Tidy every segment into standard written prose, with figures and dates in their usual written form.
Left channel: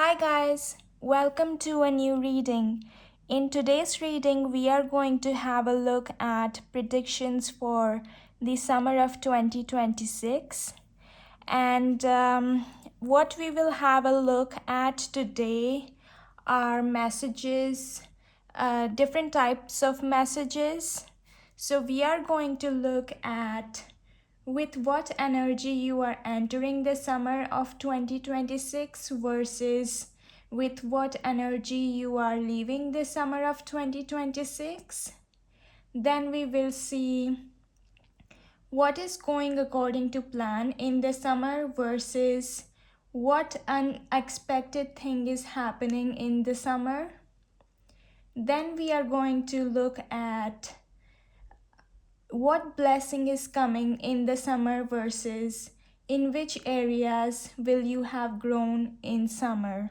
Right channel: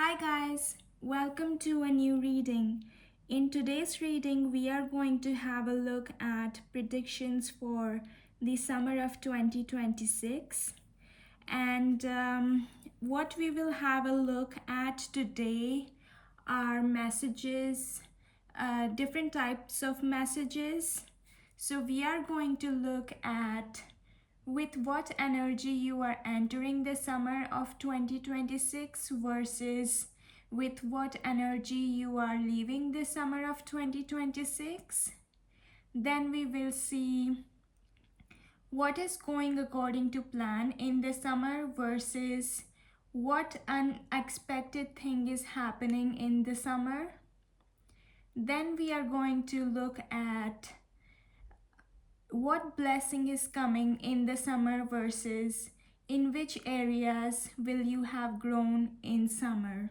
Hi guys, welcome to a new reading. In today's reading, we are going to have a look at predictions for the summer of 2026. And what we will have a look at today are messages, different types of messages. So we are going to look at with what energy you are entering the summer of 2026 versus with what energy you are leaving the summer of 2026. Then we will see what is going according to plan in the summer versus what unexpected thing is happening in the summer. Then we are going to look at what blessing is coming in the summer versus in which areas will you have grown in summer.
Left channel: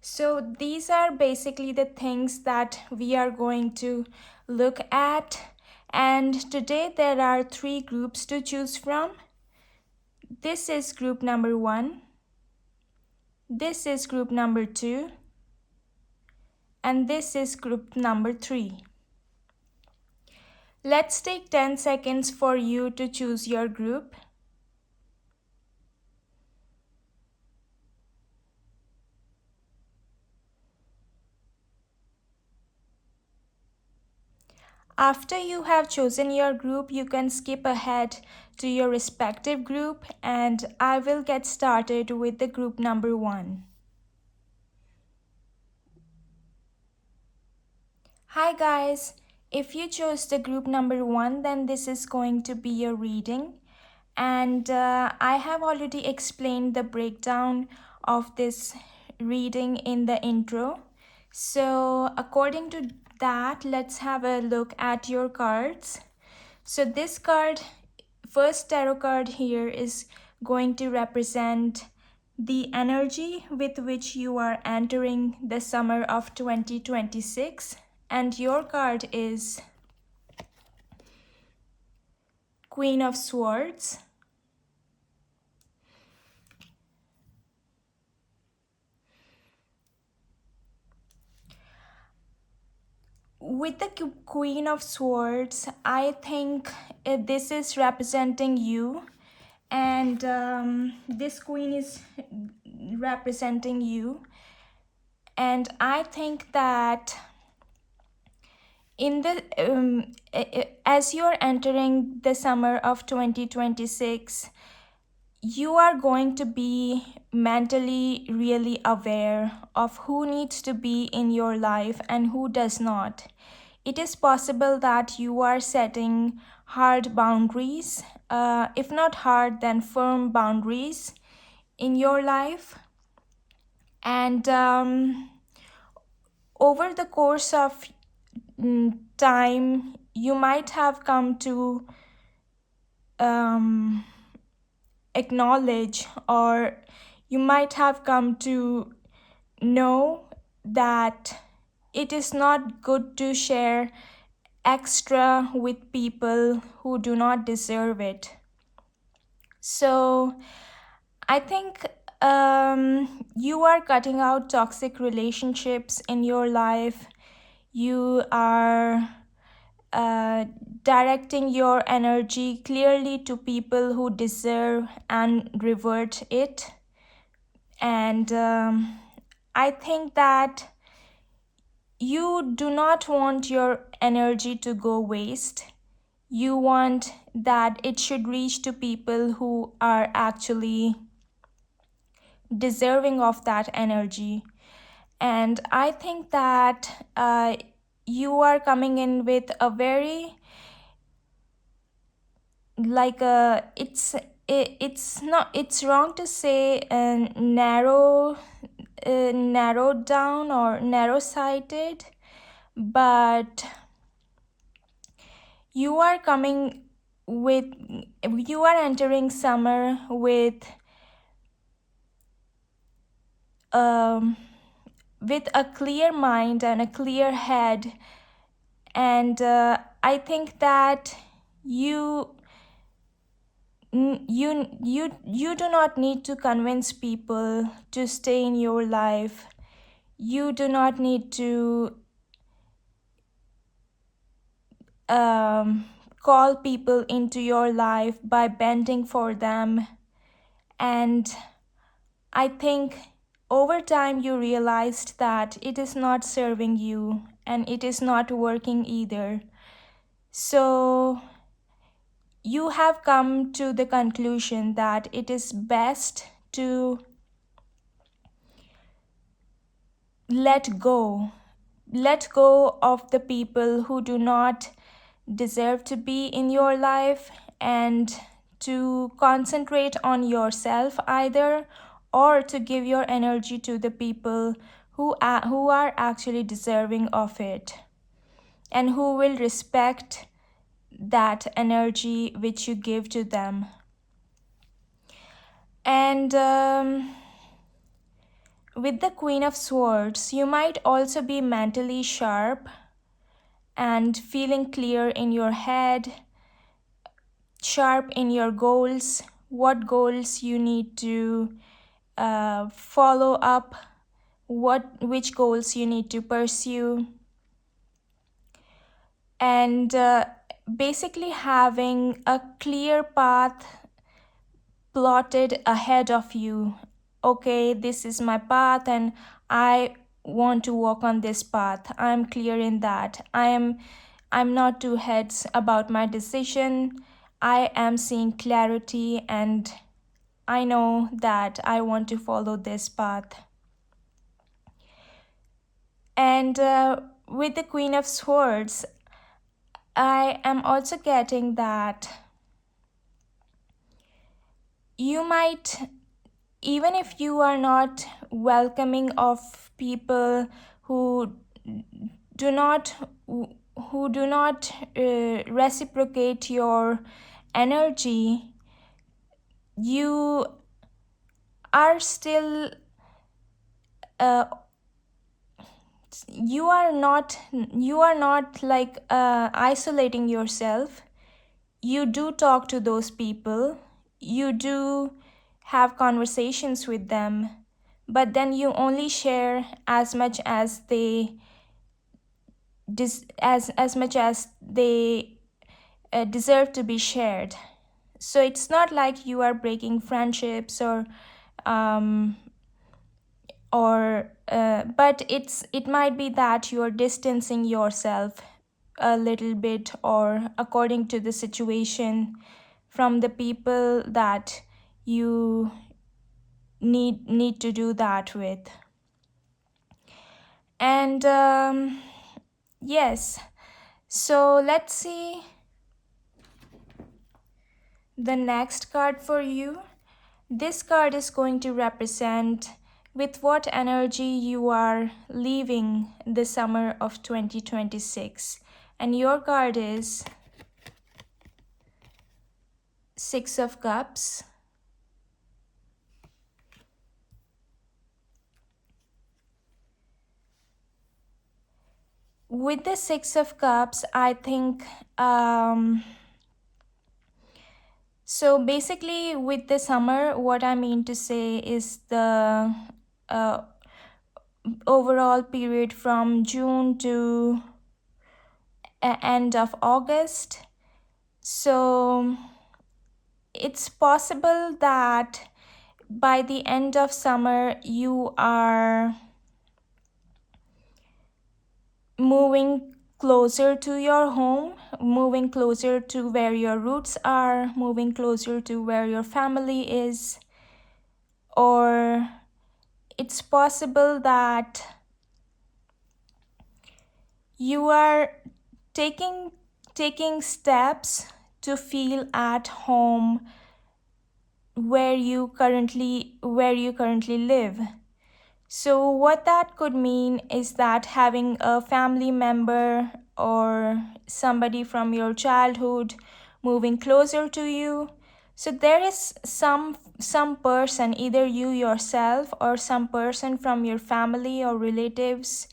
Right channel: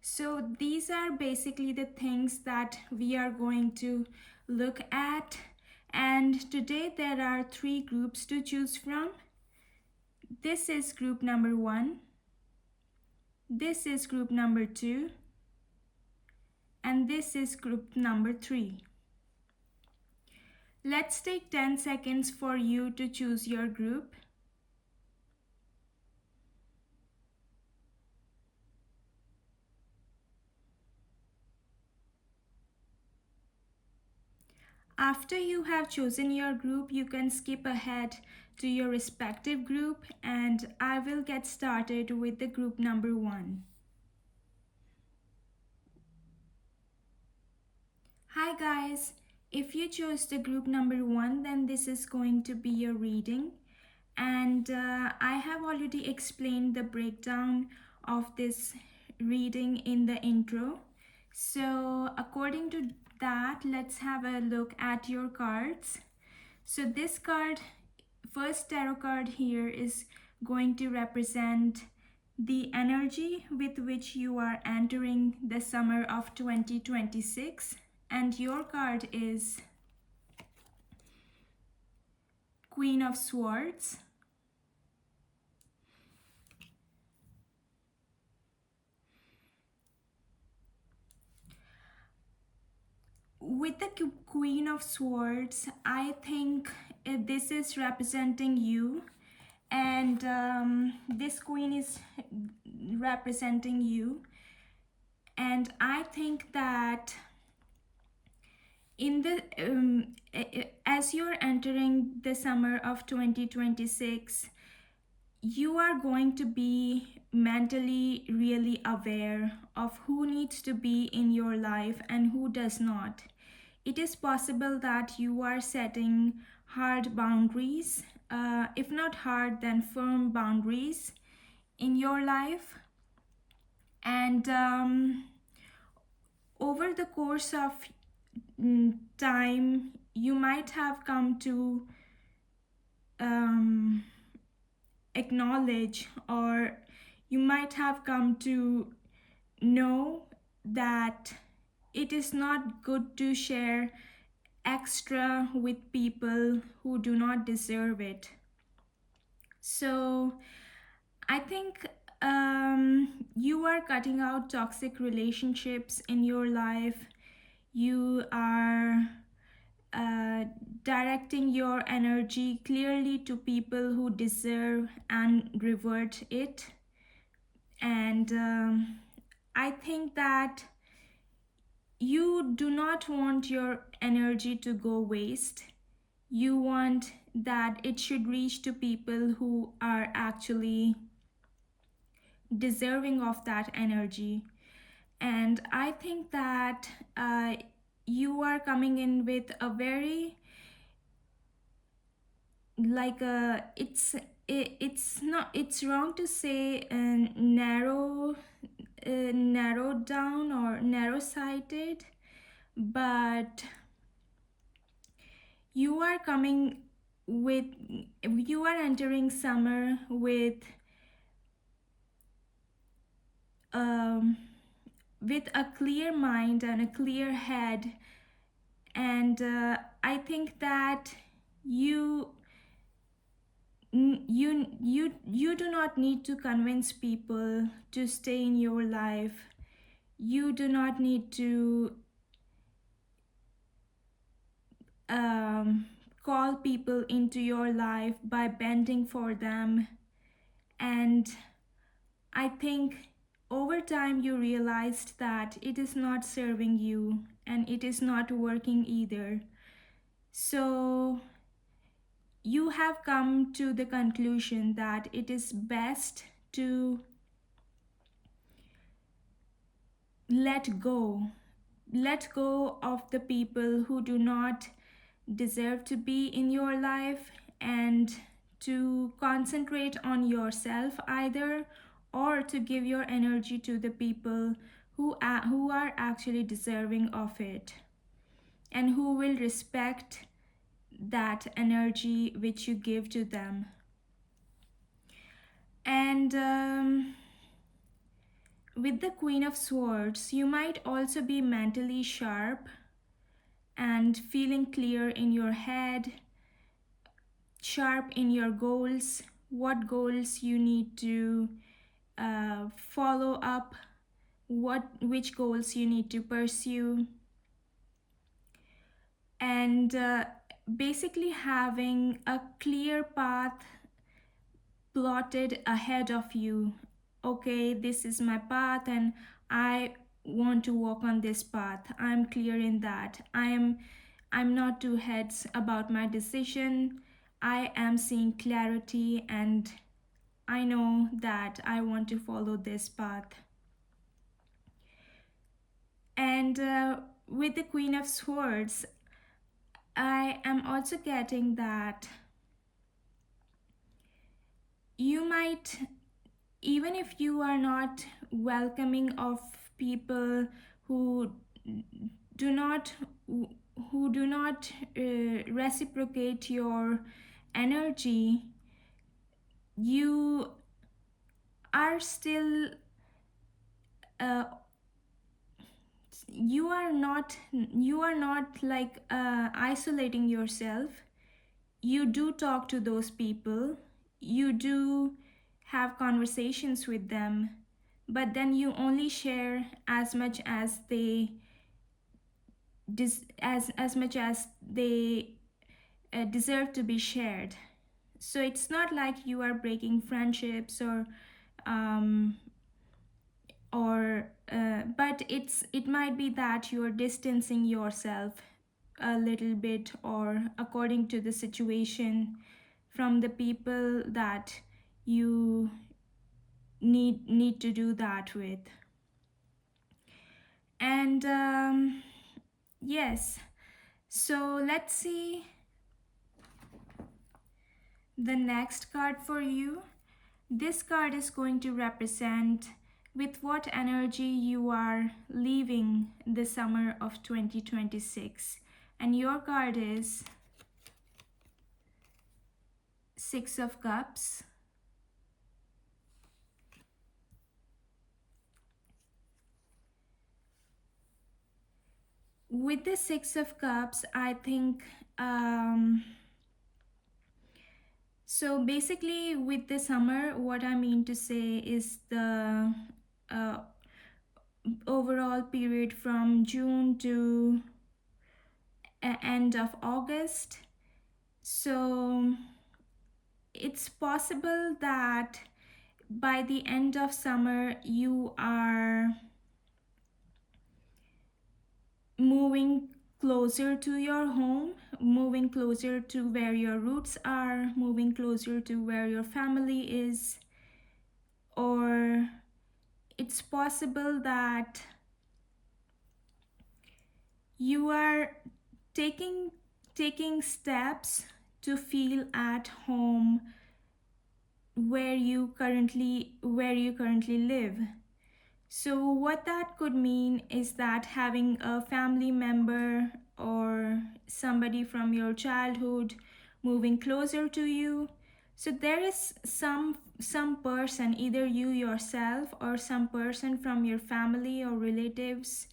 So these are basically the things that we are going to look at, and today there are 3 groups to choose from. This is group number 1, this is group number 2, and this is group number 3. Let's take 10 seconds for you to choose your group. After you have chosen your group, you can skip ahead to your respective group, and I will get started with the group number 1. Hi guys, if you chose the group number 1, then this is going to be your reading, and I have already explained the breakdown of this reading in the intro. So according to that, let's have a look at your cards. So this card, first tarot card here, is going to represent the energy with which you are entering the summer of 2026, and your card is Queen of Swords. With the Queen of Swords, I think this is representing you, and this queen is representing you, and I think that in the as you're entering the summer of 2026, you are going to be mentally really aware of who needs to be in your life and who does not. It is possible that you are setting hard boundaries, if not hard, then firm boundaries in your life. And over the course of time, you might have come to acknowledge, or you might have come to know that it is not good to share extra with people who do not deserve it. So I think you are cutting out toxic relationships in your life. You are directing your energy clearly to people who deserve and revert it. And I think that you do not want your energy to go waste. You want that it should reach to people who are actually deserving of that energy. And I think that you are coming in with a very like a it's wrong to say narrowed down or narrow sighted, but you are coming with you are entering summer um with a clear mind and a clear head, and I think that you you do not need to convince people to stay in your life. You do not need to um, call people into your life by bending for them. And I think over time you realized that it is not serving you and it is not working either. So you have come to the conclusion that it is best to let go. Let go of the people who do not deserve to be in your life, and to concentrate on yourself either, or to give your energy to the people who are actually deserving of it and who will respect that energy which you give to them. And with the Queen of Swords, you might also be mentally sharp and feeling clear in your head, sharp in your goals, what goals you need to follow up, which goals you need to pursue, and basically having a clear path plotted ahead of you. Okay, this is my path and I want to walk on this path. I'm clear in that. I'm not two heads about my decision. I am seeing clarity and I know that I want to follow this path. And with the Queen of Swords, I am also getting that you might, even if you are not welcoming of people who do not reciprocate your energy, you are still you are not like isolating yourself. You do talk to those people, you do have conversations with them, but then you only share as much as they as much as they deserve to be shared. So it's not like you are breaking friendships um, but it might be that you are distancing yourself a little bit, or according to the situation, from the people that you need to do that with. And yes, so let's see the next card for you. This card is going to represent with what energy you are leaving the summer of 2026. And your card is Six of Cups. With the Six of Cups, I think so basically with the summer, what I mean to say is the uh, overall period from June to end of August. So it's possible that by the end of summer you are moving closer to your home, moving closer to where your roots are, moving closer to where your family is. Or it's possible that you are taking steps to feel at home where you currently live. So what that could mean is that having a family member or somebody from your childhood moving closer to you. So there is some person, either you yourself or some person from your family or relatives,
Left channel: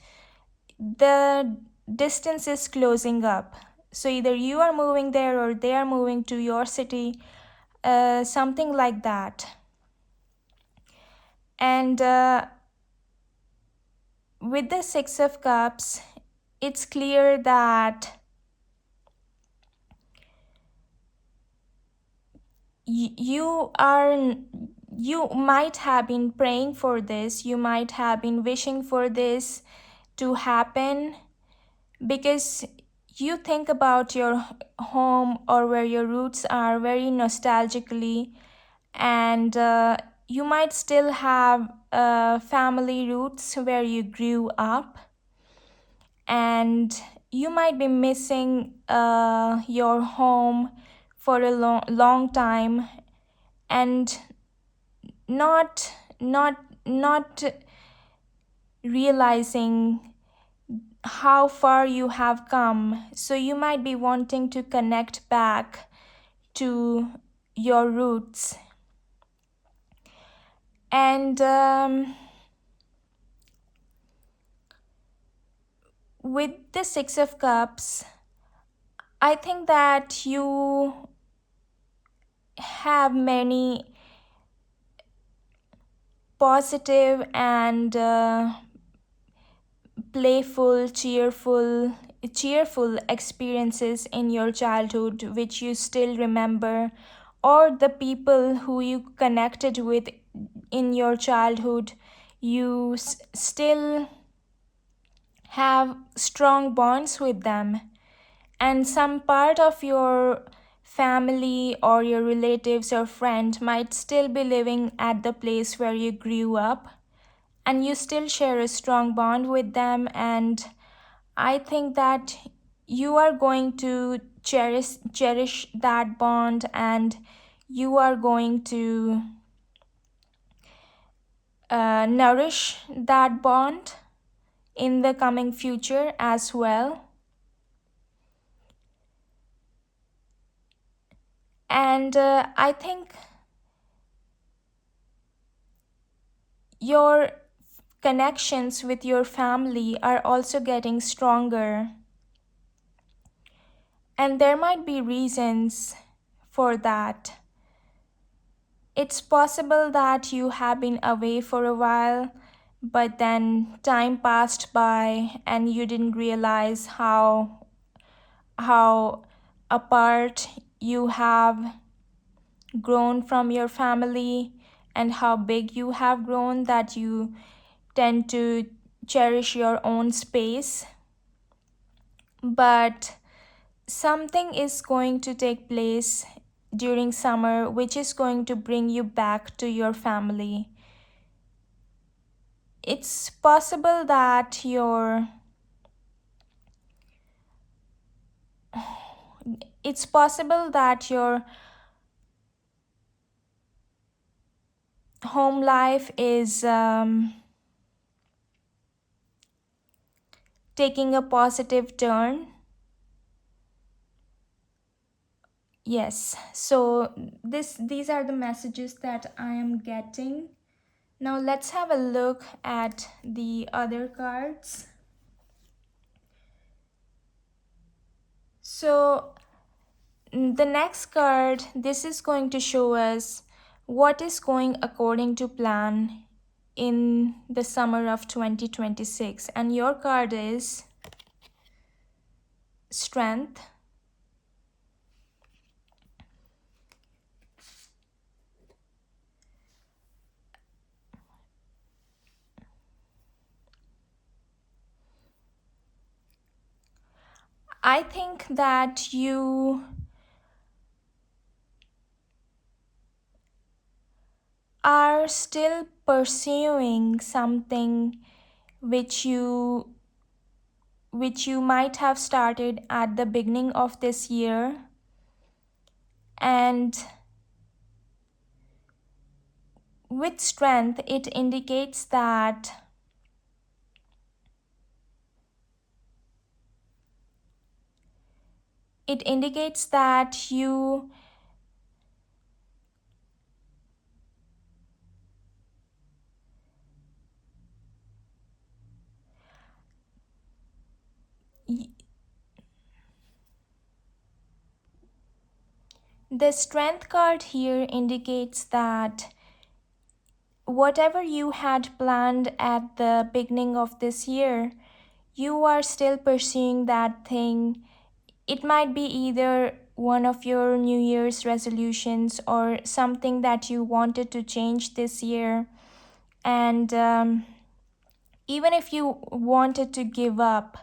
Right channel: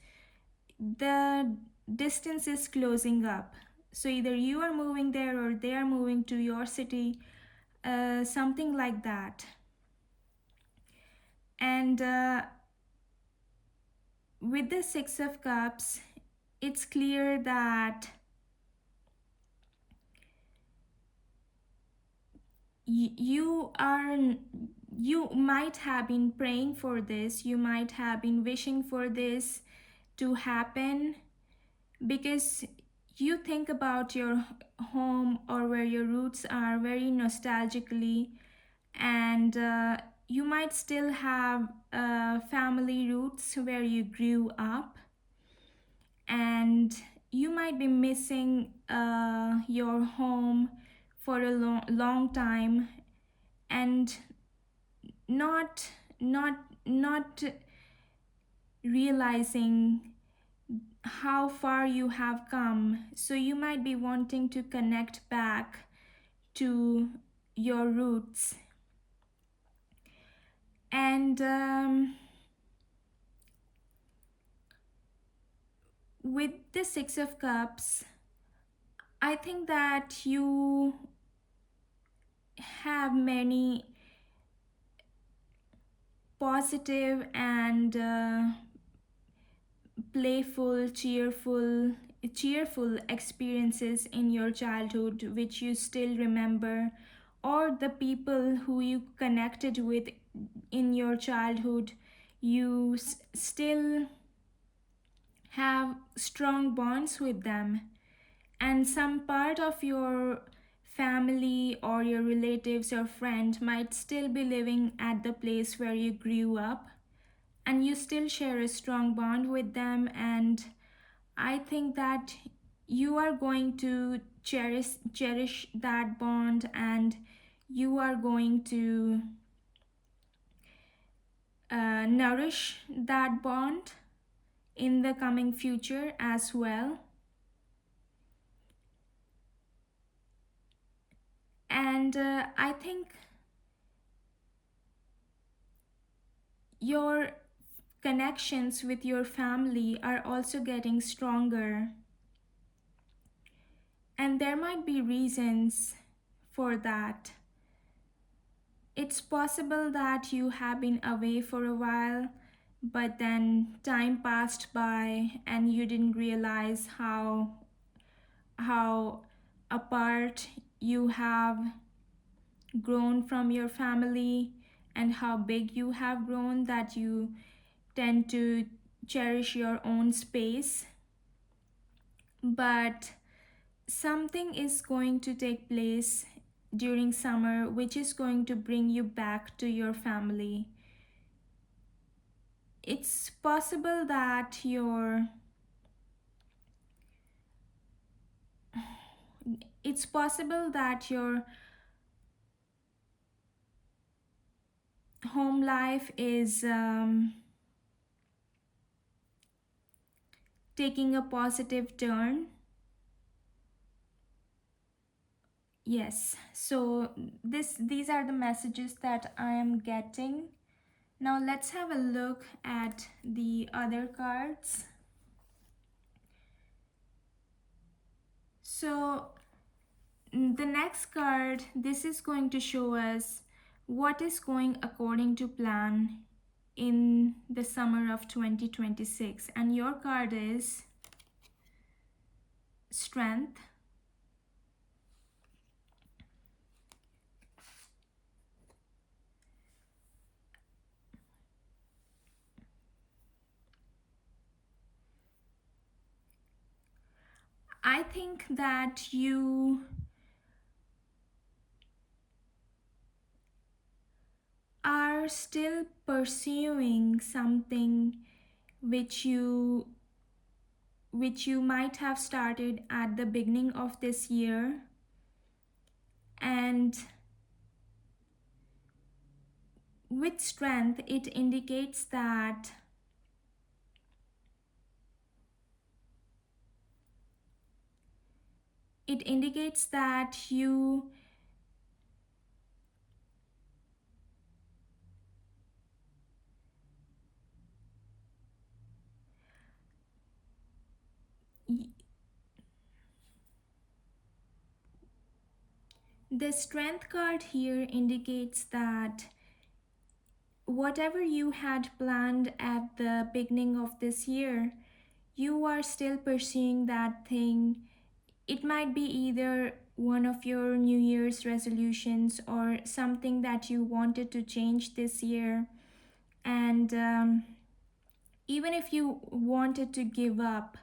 the distance is closing up. So either you are moving there or they are moving to your city. something like that. And with the Six of Cups, it's clear that you are, you might have been praying for this, you might have been wishing for this to happen, because you think about your home or where your roots are very nostalgically, and you might still have family roots where you grew up, and you might be missing your home for a long time, and not not realizing how far you have come. So you might be wanting to connect back to your roots. And with the Six of Cups, I think that you have many positive and playful, cheerful experiences in your childhood which you still remember, or the people who you connected with in your childhood, you still have strong bonds with them. And some part of your family or your relatives or friend might still be living at the place where you grew up, and you still share a strong bond with them. And I think that you are going to cherish that bond, and you are going to nourish that bond in the coming future as well. And I think your connections with your family are also getting stronger, and there might be reasons for that. It's possible that you have been away for a while, but then time passed by and you didn't realize how apart you have grown from your family, and how big you have grown, that you tend to cherish your own space. But something is going to take place during summer which is going to bring you back to your family. It's possible that your home life is taking a positive turn. Yes, so these are the messages that I am getting. Now let's have a look at the other cards. So the next card, this is going to show us what is going according to plan in the summer of 2026, and your card is Strength. I think that you are still pursuing something which you might have started at the beginning of this year, and with Strength it indicates that you The strength card here indicates that whatever you had planned at the beginning of this year, you are still pursuing that thing. It might be either one of your New Year's resolutions or something that you wanted to change this year. And even if you wanted to give up,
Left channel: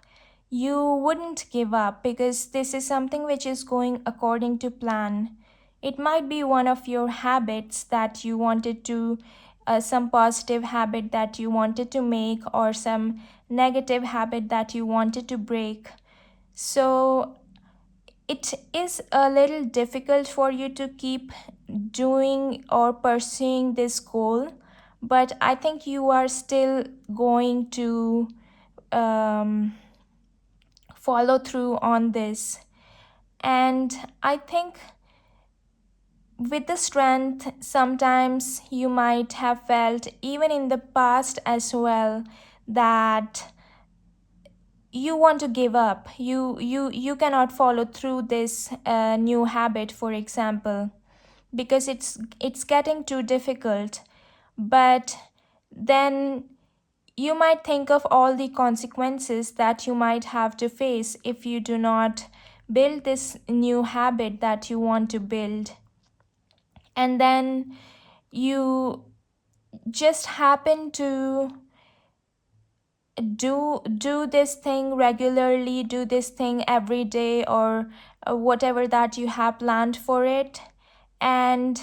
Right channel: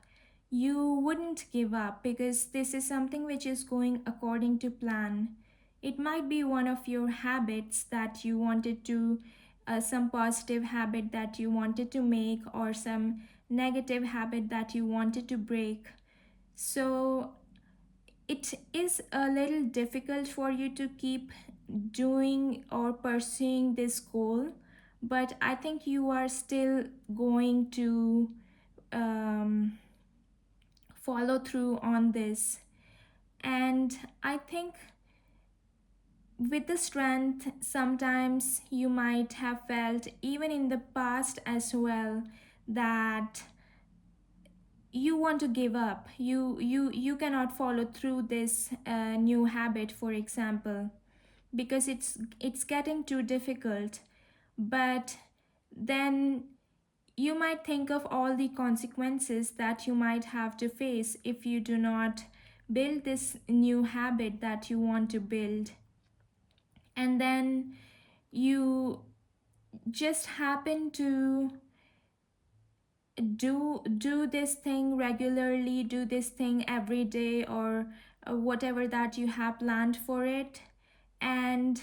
you wouldn't give up because this is something which is going according to plan. It might be one of your habits that you wanted to, some positive habit that you wanted to make, or some negative habit that you wanted to break. So it is a little difficult for you to keep doing or pursuing this goal, but I think you are still going to um, follow through on this. And I think with the strength, sometimes you might have felt, even in the past as well, that you want to give up. You cannot follow through this new habit, for example, because it's getting too difficult. But then you might think of all the consequences that you might have to face if you do not build this new habit that you want to build. And then you just happen to do this thing regularly, do this thing every day, or whatever that you have planned for it. and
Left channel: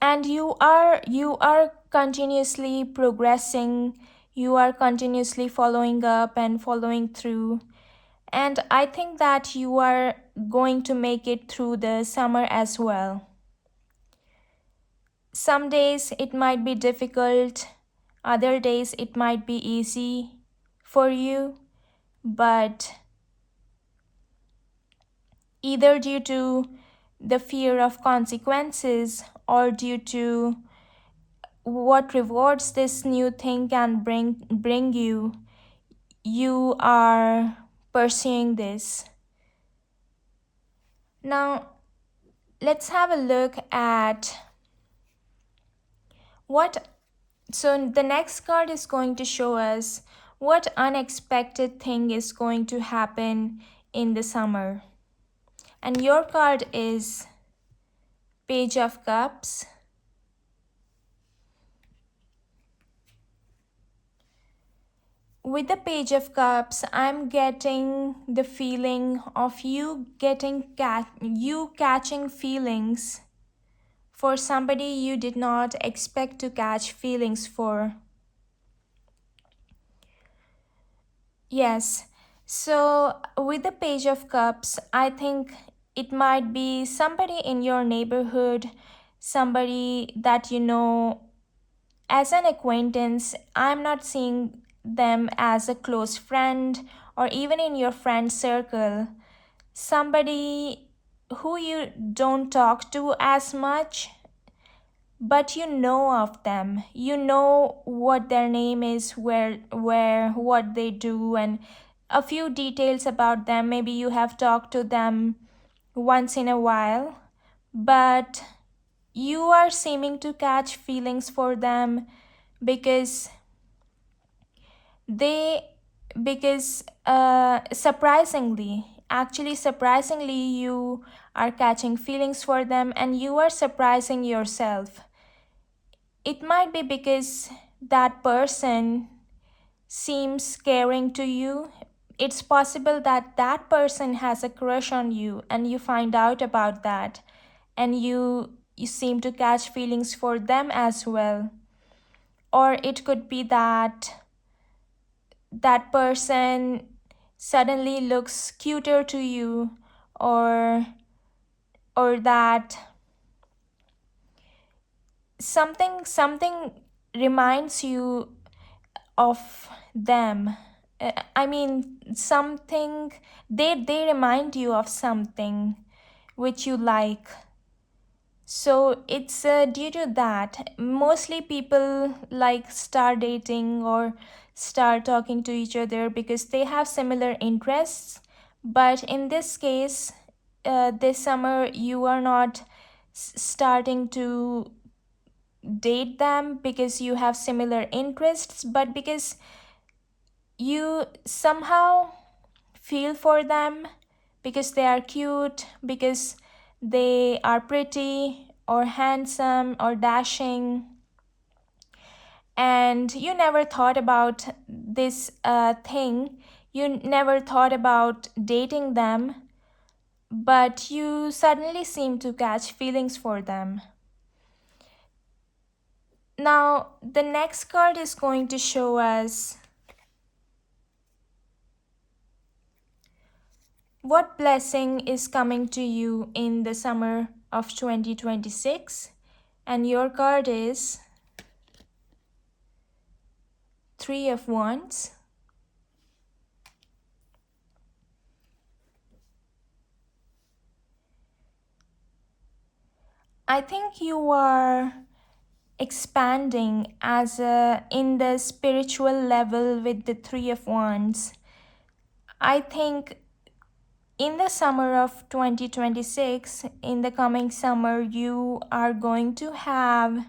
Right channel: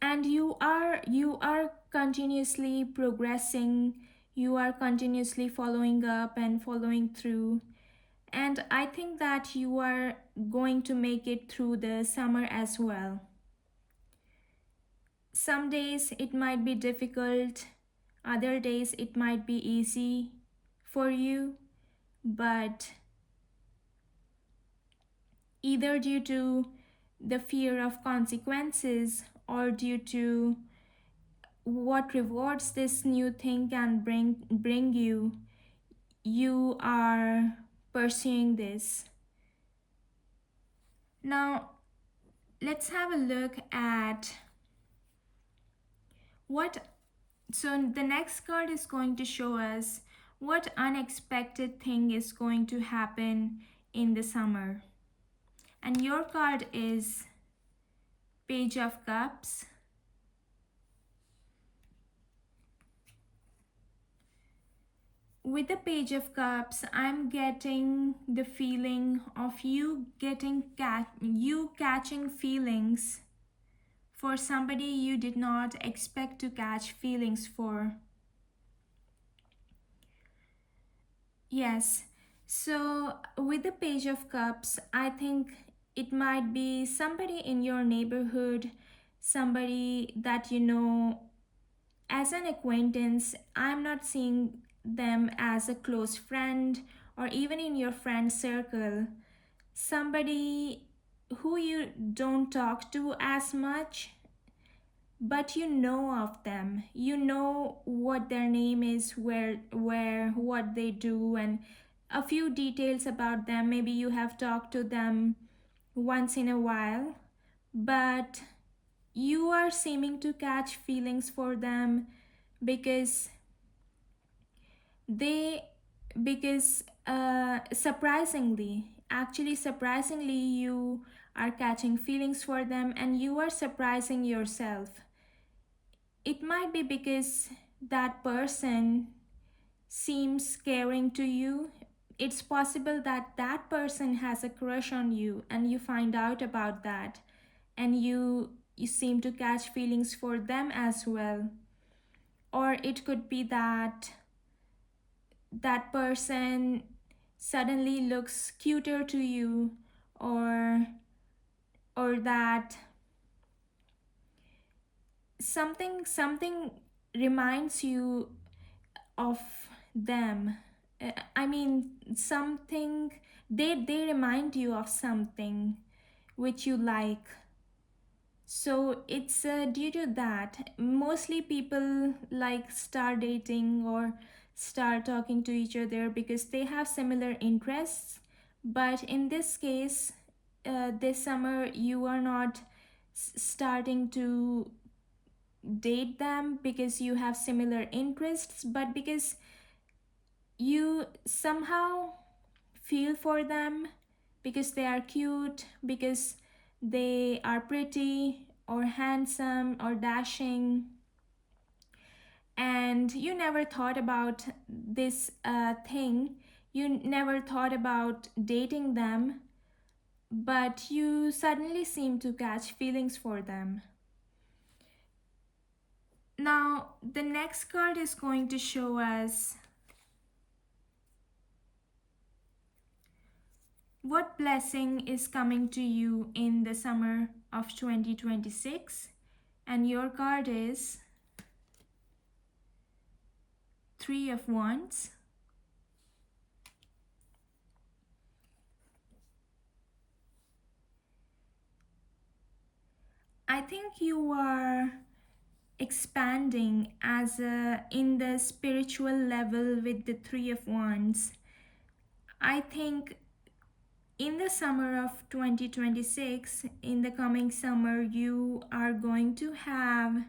and you are continuously progressing, you are continuously following up and following through. And I think that you are going to make it through the summer as well. Some days it might be difficult, other days it might be easy for you, but either due to the fear of consequences or due to what rewards this new thing can bring you, you are pursuing this. Now let's have a look at what. So the next card is going to show us what unexpected thing is going to happen in the summer. And your card is Page of Cups. With the Page of Cups, I'm getting the feeling of you catching feelings for somebody you did not expect to catch feelings for. Yes. So with the Page of Cups, I think it might be somebody in your neighborhood, somebody that you know as an acquaintance. I'm not seeing them as a close friend or even in your friend circle. Somebody who you don't talk to as much, but you know of them. You know what their name is, where what they do, and a few details about them. Maybe you have talked to them once in a while, but you are seeming to catch feelings for them because they because surprisingly, actually surprisingly, you are catching feelings for them and you are surprising yourself. It might be because that person seems caring to you. It's possible that that person has a crush on you and you find out about that, and you seem to catch feelings for them as well. Or it could be that that person suddenly looks cuter to you, or that something reminds you of them. I mean, something, they remind you of something which you like. So it's due to that. Mostly people like start dating or start talking to each other because they have similar interests. But in this case, this summer you are not starting to date them because you have similar interests, but because you somehow feel for them, because they are cute, because they are pretty or handsome or dashing, and you never thought about this thing. You never thought about dating them, but you suddenly seem to catch feelings for them. Now, the next card is going to show us what blessing is coming to you in the summer of 2026. And your card is Three of Wands. I think you are expanding as in the spiritual level with the Three of Wands. I think in the summer of 2026, in the coming summer, you are going to have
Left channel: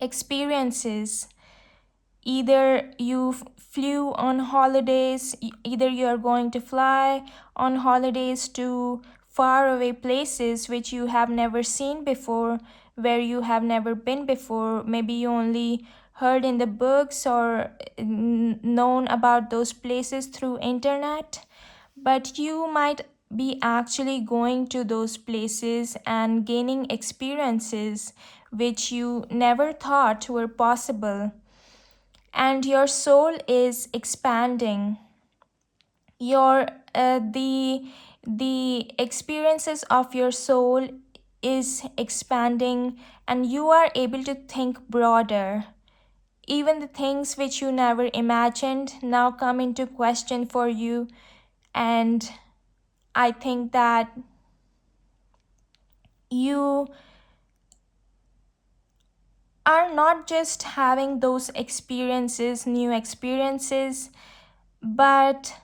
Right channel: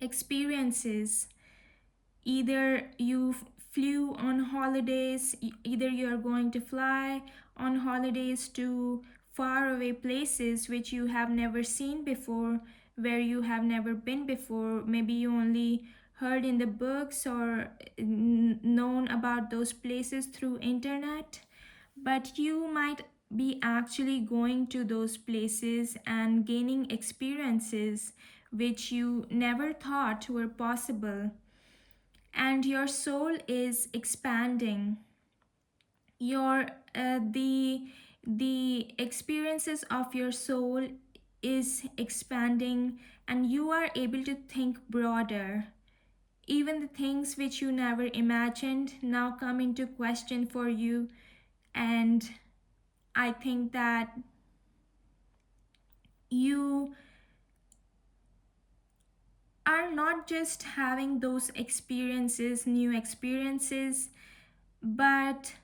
experiences. Either you flew on holidays, either you are going to fly on holidays to faraway places which you have never seen before, where you have never been before. Maybe you only heard in the books or known about those places through internet, but you might be actually going to those places and gaining experiences which you never thought were possible. And your soul is expanding. Your the experiences of your soul is expanding, and you are able to think broader. Even the things which you never imagined now come into question for you. And I think that you are not just having those experiences, new experiences, but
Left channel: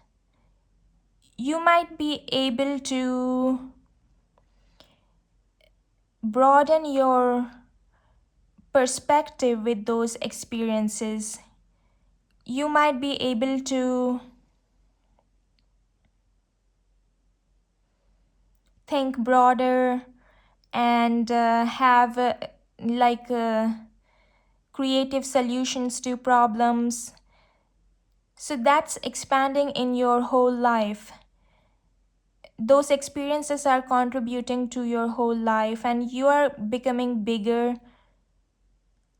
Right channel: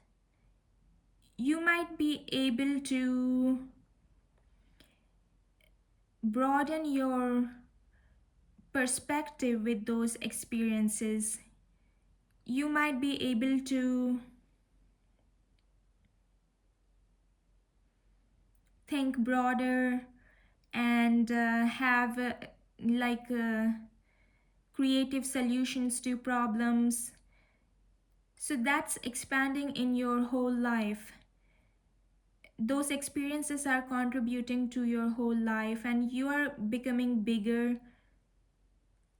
you might be able to broaden your perspective with those experiences. You might be able to think broader and have like creative solutions to problems. So that's expanding in your whole life. Those experiences are contributing to your whole life, and you are becoming bigger,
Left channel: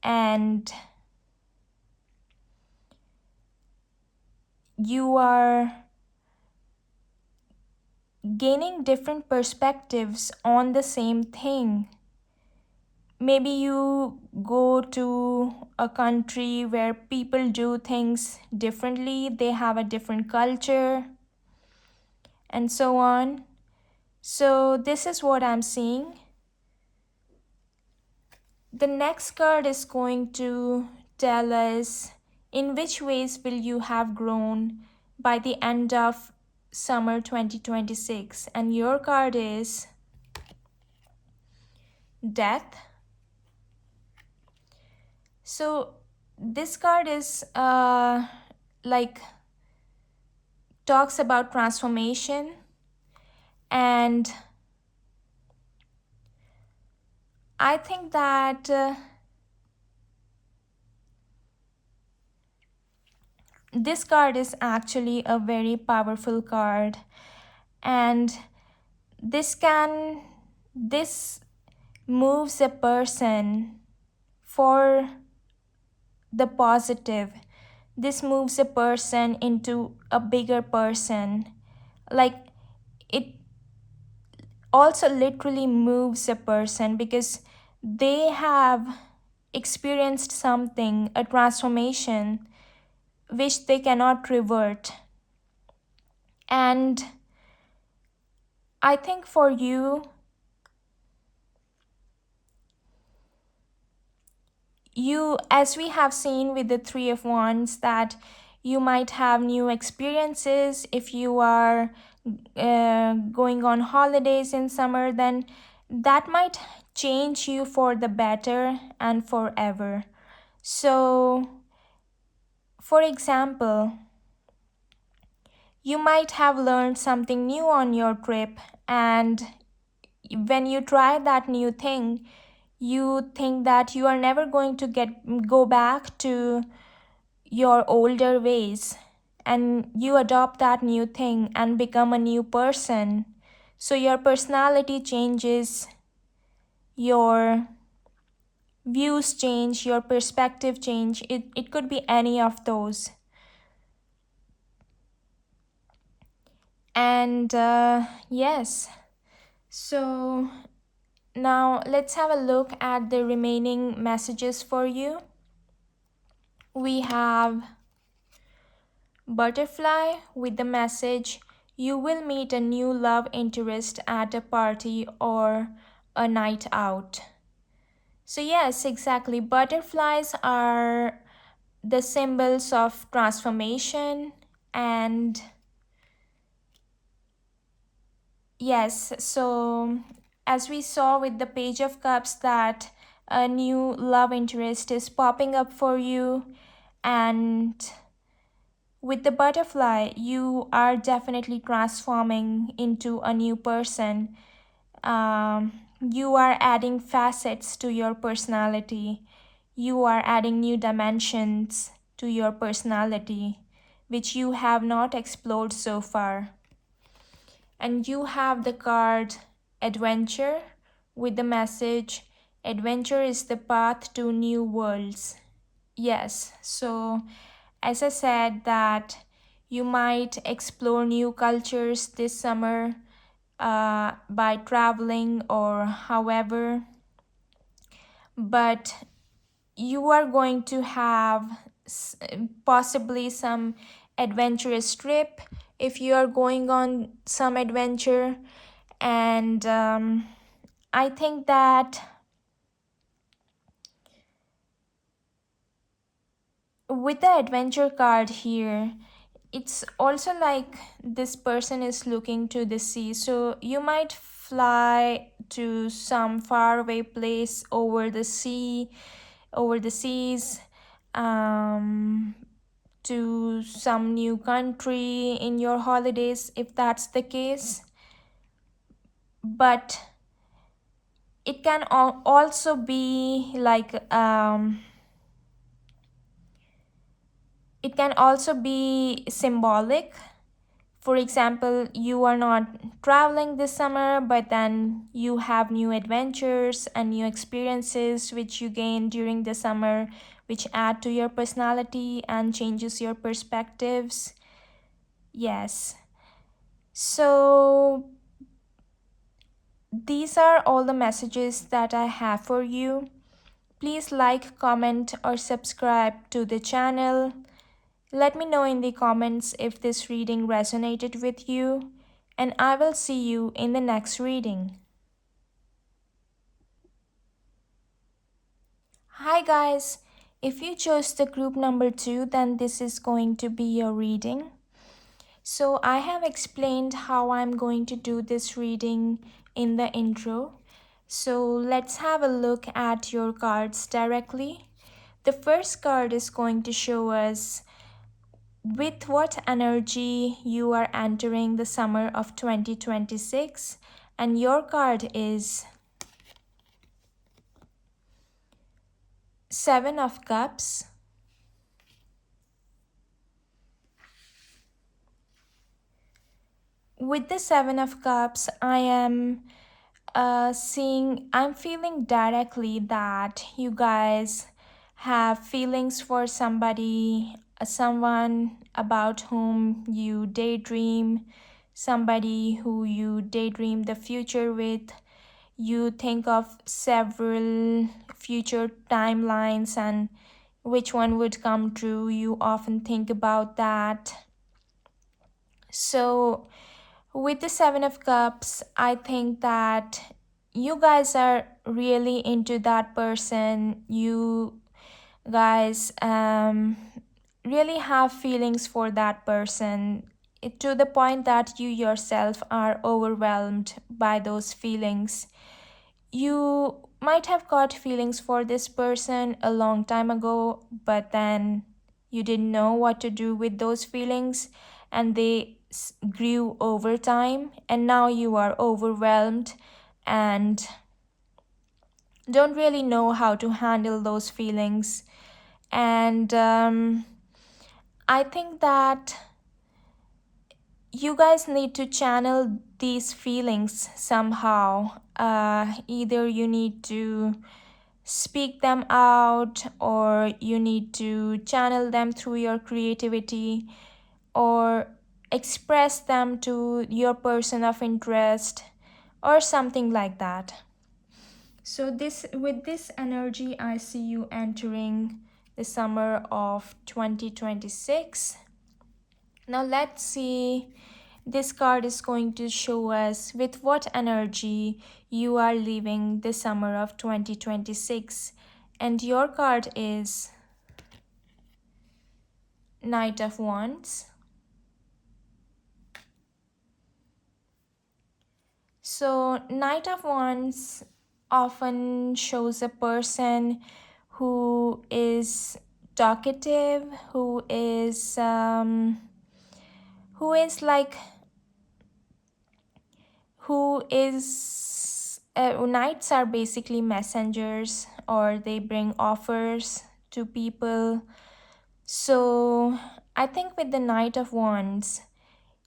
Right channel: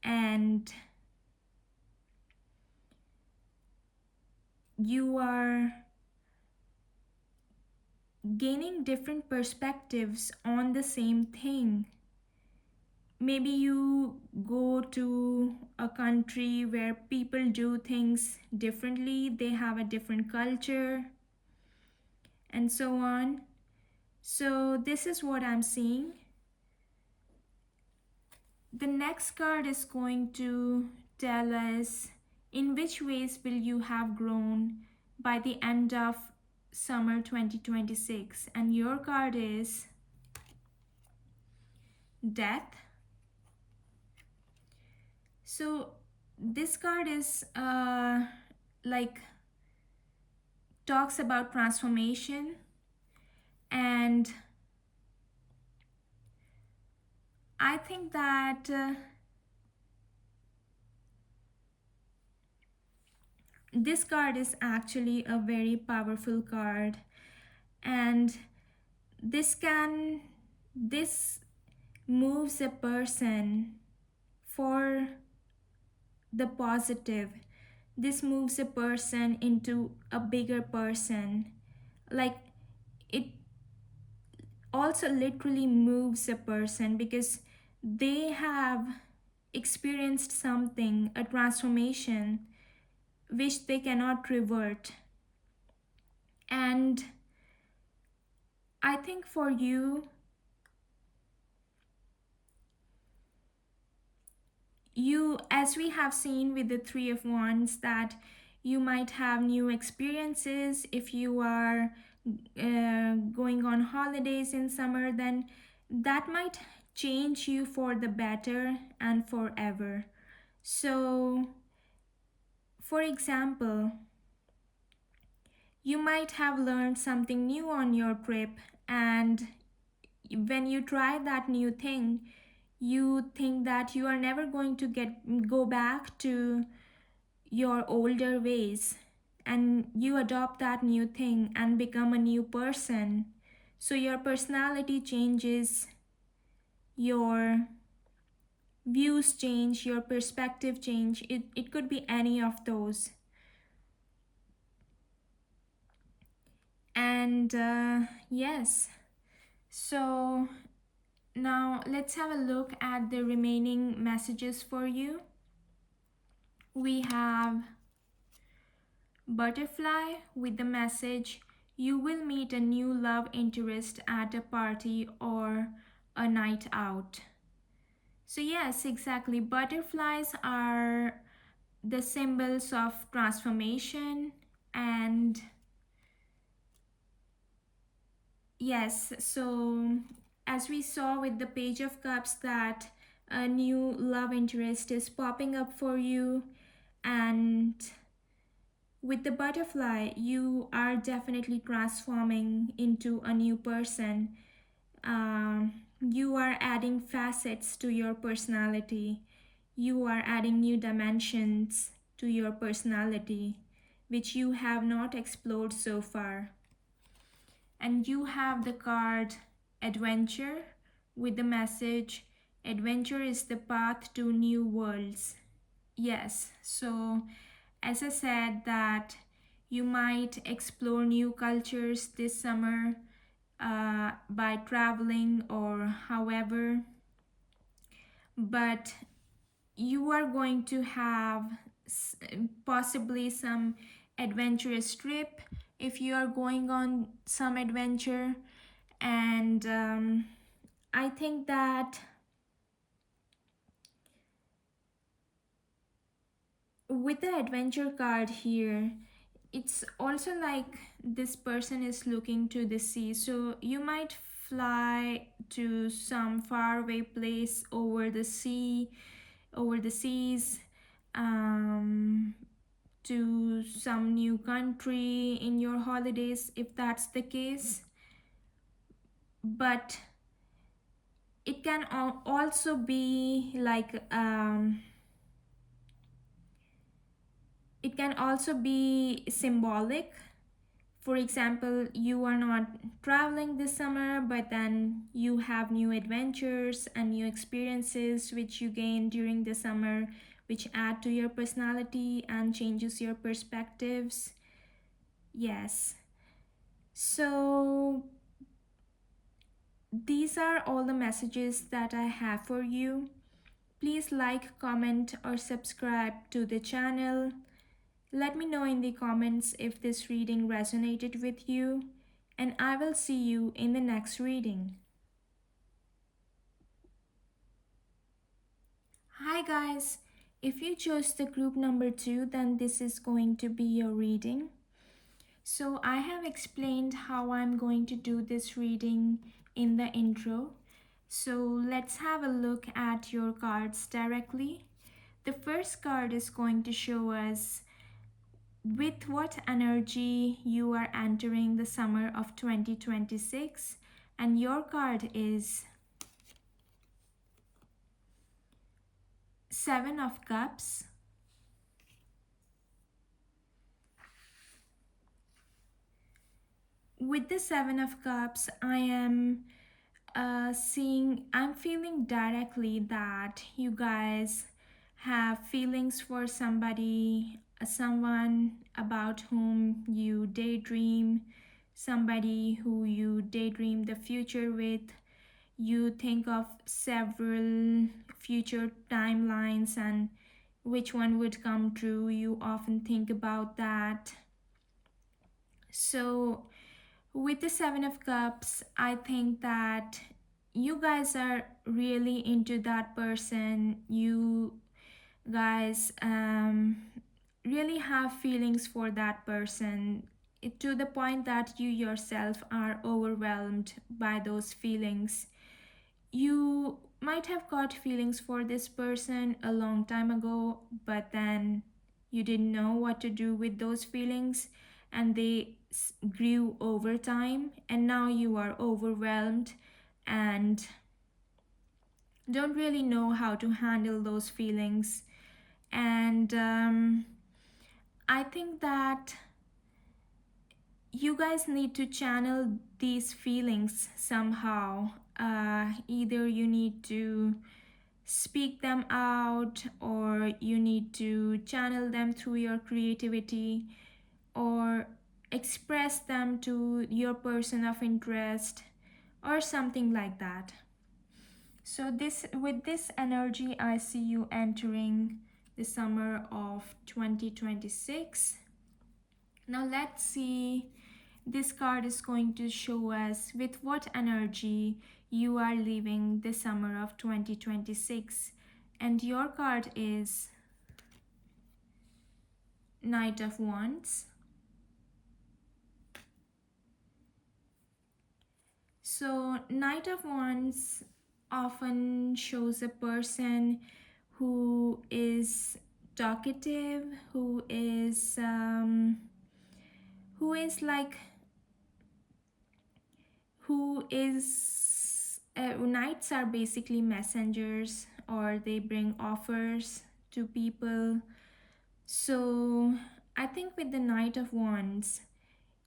and you are gaining different perspectives on the same thing. Maybe you go to a country where people do things differently, they have a different culture, and so on. So, this is what I'm seeing. The next card is going to tell us in which ways will you have grown by the end of summer 2026. And your card is Death. So this card is like talks about transformation, and I think that this card is actually a very powerful card, and this moves a person for the positive. This moves a person into a bigger person. Like, it also literally moves a person because they have experienced something, a transformation which they cannot revert. And I think for you, as we have seen with the Three of Wands, that you might have new experiences if you are going on holidays in summer, then that might change you for the better and forever. So, for example, you might have learned something new on your trip, and when you try that new thing, you think that you are never going to go back to your older ways, and you adopt that new thing and become a new person. So your personality changes, your views change, your perspective change. It could be any of those. And yes, so now let's have a look at the remaining messages for you. We have butterfly with the message, you will meet a new love interest at a party or a night out. So yes, exactly, butterflies are the symbols of transformation. And yes, so as we saw with the Page of Cups, that a new love interest is popping up for you, and with the butterfly, you are definitely transforming into a new person. You are adding facets to your personality. You are adding new dimensions to your personality, which you have not explored so far. And you have the card Adventure with the message, adventure is the path to new worlds. Yes, so as I said, that you might explore new cultures this summer by traveling or however, but you are going to have possibly some adventurous trip if you are going on some adventure. And I think that with the adventure card here, it's also like this person is looking to the sea. So you might fly to some faraway place over the sea, over the seas, um, to some new country in your holidays, if that's the case. But it can also be like it can also be symbolic. For example, you are not traveling this summer, but then you have new adventures and new experiences which you gain during the summer, which add to your personality and changes your perspectives. Yes. So these are all the messages that I have for you. Please like, comment, or subscribe to the channel. Let me know in the comments if this reading resonated with you, and I will see you in the next reading. Hi guys! If you chose the group number 2, then this is going to be your reading. So I have explained how I'm going to do this reading in the intro. So let's have a look at your cards directly. The first card is going to show us with what energy you are entering the summer of 2026, and your card is Seven of Cups, with the Seven of Cups, I am I'm feeling directly that you guys have feelings for somebody, someone about whom you daydream, somebody who you daydream the future with. You think of several future timelines and which one would come true. You often think about that. So, with the Seven of Cups, I think that you guys are really into that person. You guys really have feelings for that person. to the point that you yourself are overwhelmed by those feelings. You might have got feelings for this person a long time ago, but then you didn't know what to do with those feelings, and they grew over time, and now you are overwhelmed and don't really know how to handle those feelings. And I think that you guys need to channel these feelings somehow. Either you need to speak them out, or you need to channel them through your creativity, or express them to your person of interest, or something like that. So this, with this energy, I see you entering the summer of 2026. Now let's see, this card is going to show us with what energy you are leaving the summer of 2026. And your card is Knight of Wands. So Knight of Wands often shows a person who is talkative, who is like who is knights are basically messengers, or they bring offers to people. So I think with the Knight of Wands,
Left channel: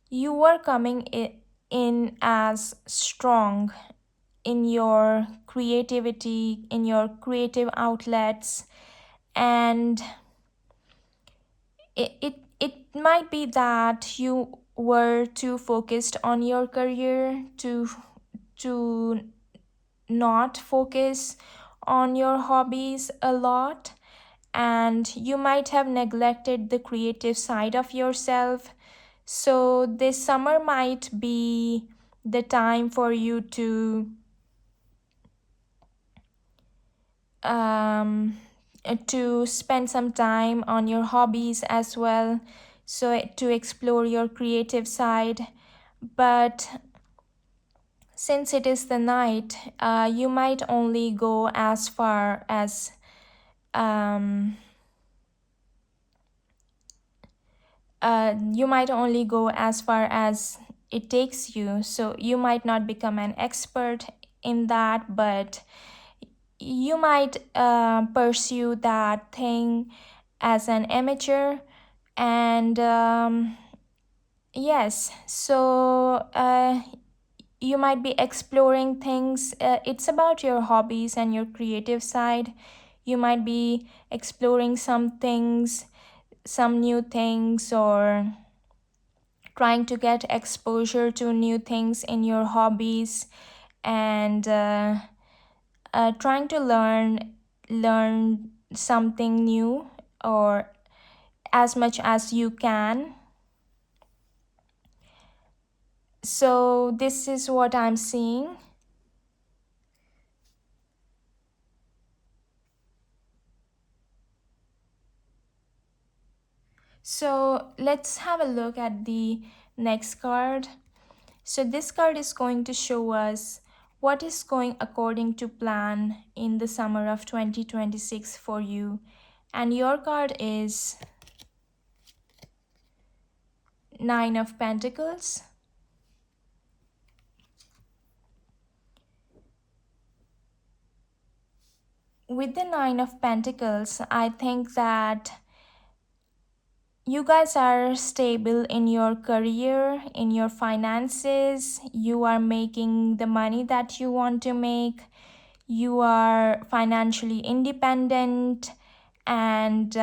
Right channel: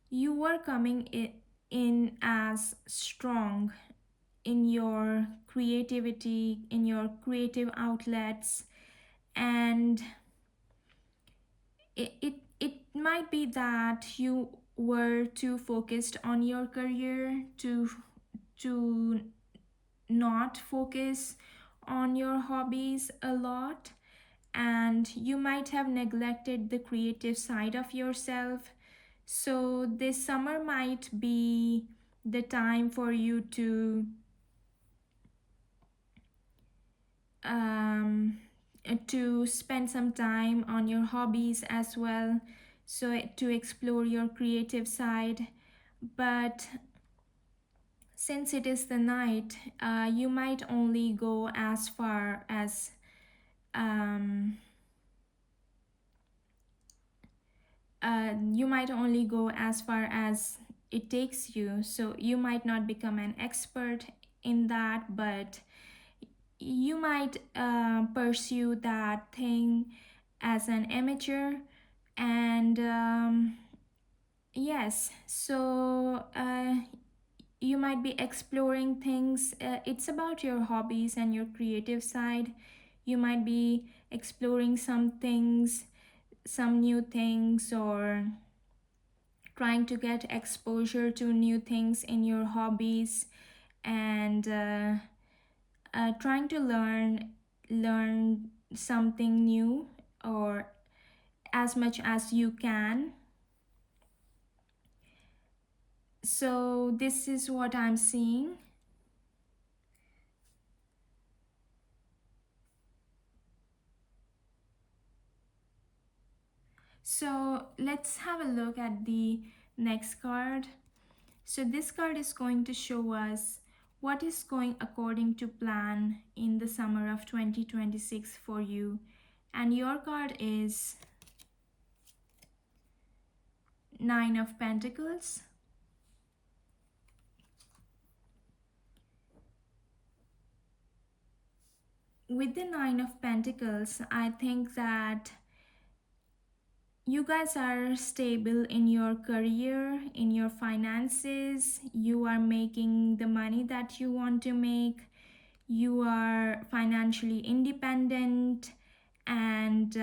you are coming in as strong in your creativity, in your creative outlets, and it might be that you were too focused on your career to not focus on your hobbies a lot, and you might have neglected the creative side of yourself. So this summer might be the time for you um, to spend some time on your hobbies as well, so to explore your creative side. But since it is the night, you might only go as far as um, you might only go as far as it takes you. So you might not become an expert in that, but you might pursue that thing as an amateur. And yes, so you might be exploring things. It's about your hobbies and your creative side. You might be exploring some things, some new things, or trying to get exposure to new things in your hobbies, and trying to learn something new, or as much as you can. So this is what I'm seeing. So let's have a look at the next card. So this card is going to show us what is going according to plan in the summer of 2026 for you. And your card is Nine of Pentacles. With the Nine of Pentacles, I think that you guys are stable in your career, in your finances. You are making the money that you want to make. You are financially independent, and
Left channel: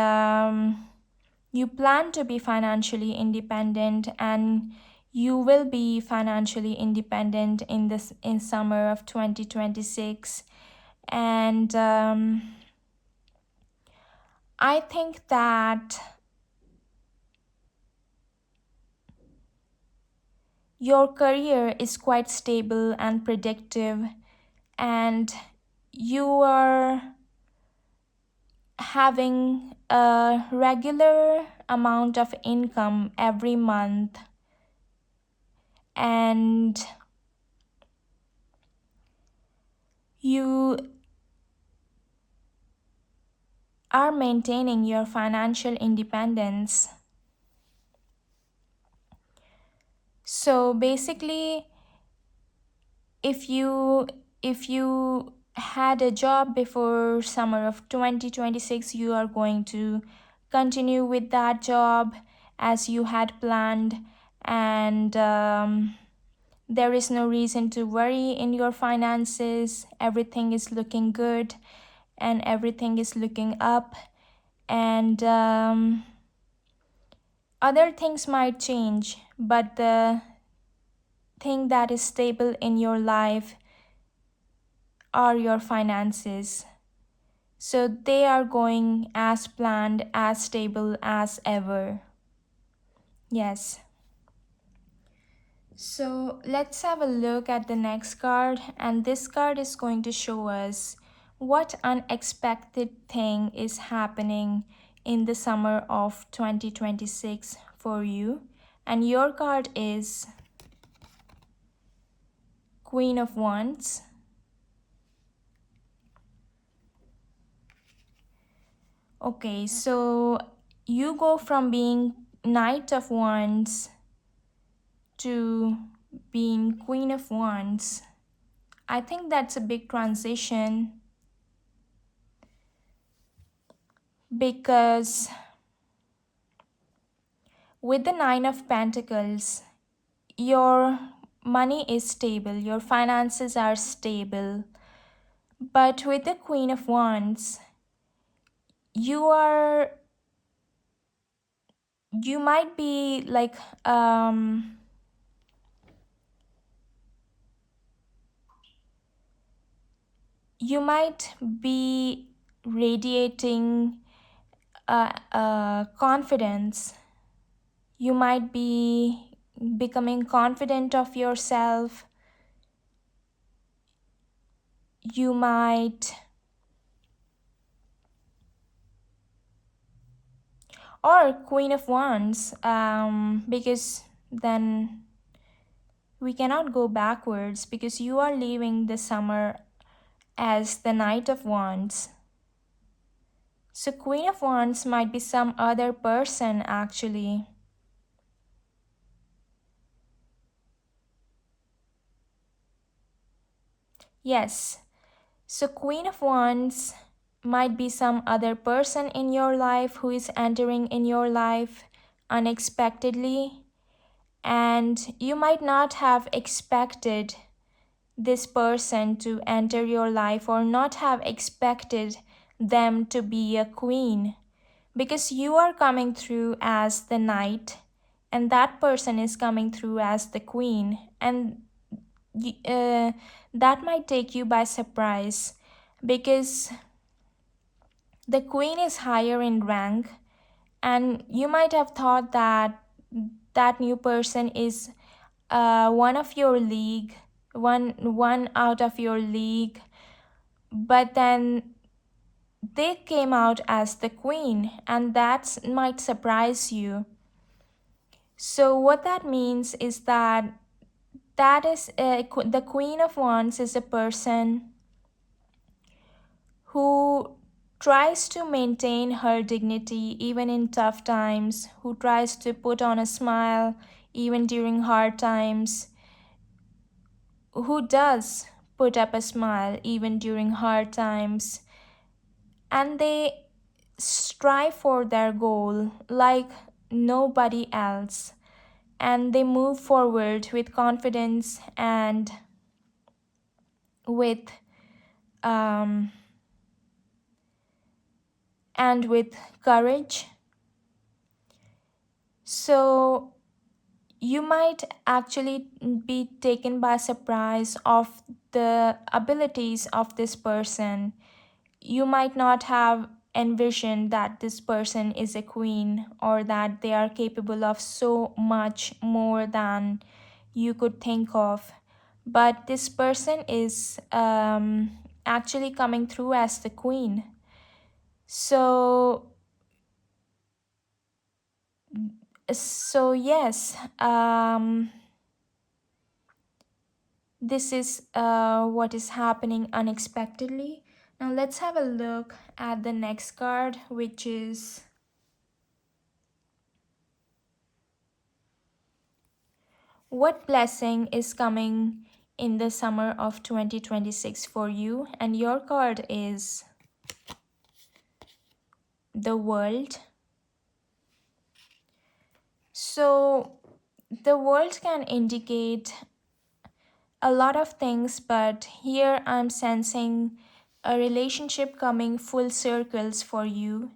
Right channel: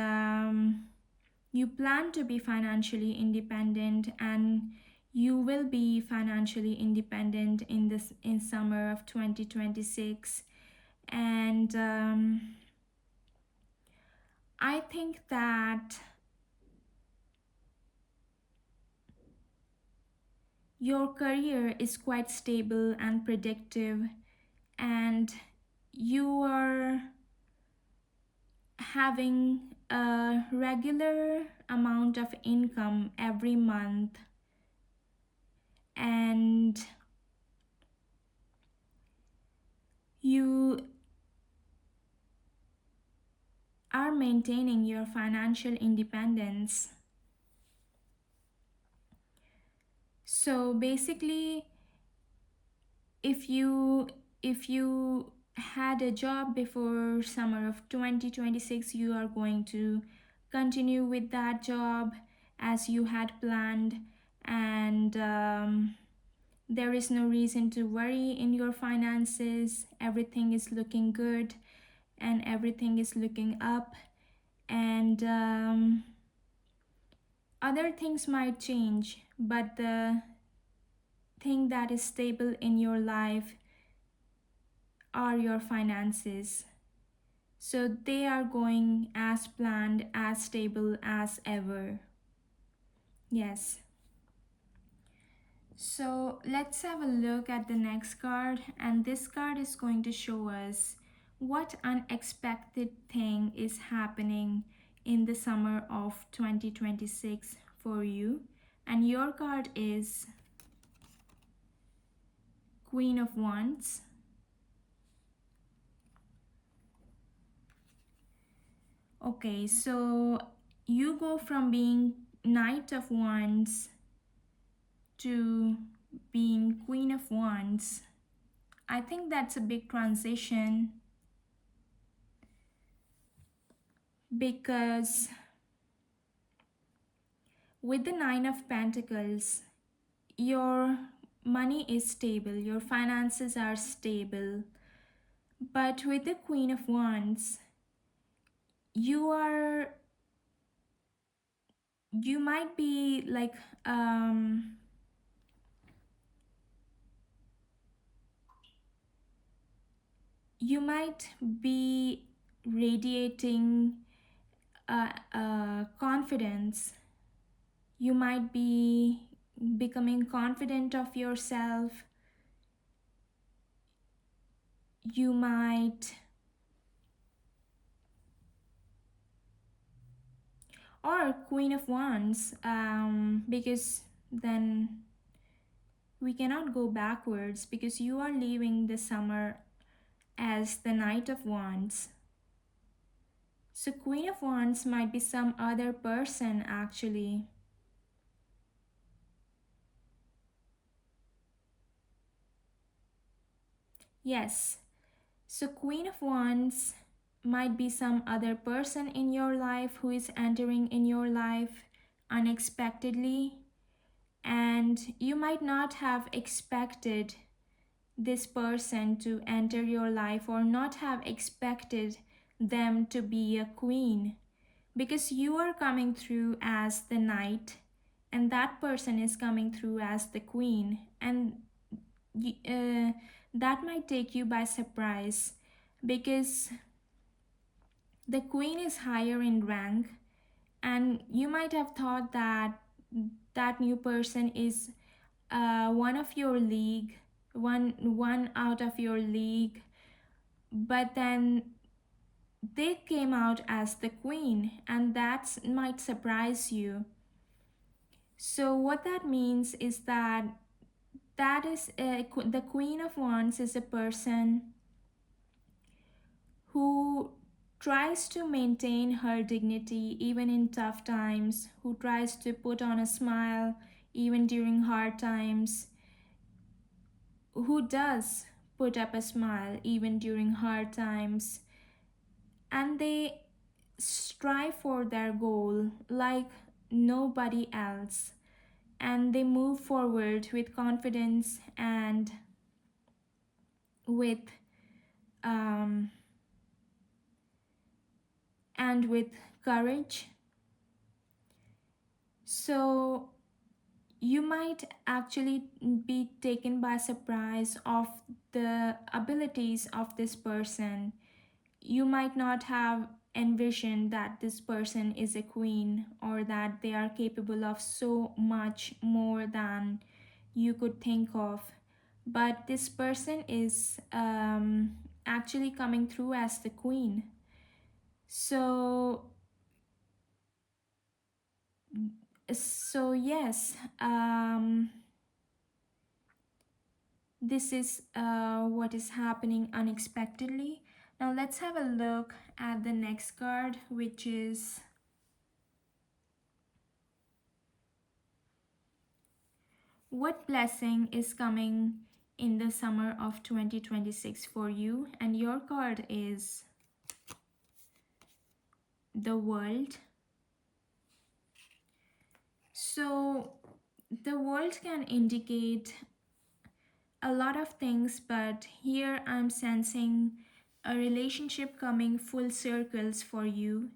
you plan to be financially independent, and you will be financially independent in summer of 2026. And I think that your career is quite stable and predictive, and you are having a regular amount of income every month. and you are maintaining your financial independence. So basically, if you had a job before summer of 2026, you are going to continue with that job as you had planned, and there is no reason to worry in your finances. Everything is looking good and everything is looking up, and other things might change, but the thing that is stable in your life are your finances. So they are going as planned, as stable as ever. Yes. So let's have a look at the next card, and this card is going to show us what unexpected thing is happening in the summer of 2026 for you. And your card is Queen of Wands. Okay, so you go from being Knight of Wands to being Queen of Wands. I think that's a big transition because with the Nine of Pentacles, your money is stable, your finances are stable. But with the Queen of Wands, you are you might be like you might be radiating confidence. You might be becoming confident of yourself. You might, or Queen of Wands, because then we cannot go backwards because you are leaving the summer as the Knight of Wands. So, Queen of Wands might be some other person actually. Yes, so Queen of Wands might be some other person in your life who is entering in your life unexpectedly, and you might not have expected this person to enter your life or not have expected them to be a queen because you are coming through as the knight and that person is coming through as the queen, and uh, that might take you by surprise because the queen is higher in rank, and you might have thought that that new person is one of your league, one out of your league, but then they came out as the queen, and that might surprise you. So what that means is that the Queen of Wands is a person who tries to maintain her dignity even in tough times, who tries to put on a smile even during hard times, who does put up a smile even during hard times, and they strive for their goal like nobody else, and they move forward with confidence with um, and with courage. So you might actually be taken by surprise of the abilities of this person. You might not have envisioned that this person is a queen or that they are capable of so much more than you could think of. But this person is actually coming through as the queen. So, yes, this is what is happening unexpectedly. Now let's have a look at the next card, which is what blessing is coming in the summer of 2026 for you. And your card is the World. So the world can indicate a lot of things, but here I'm sensing a relationship coming full circles for you.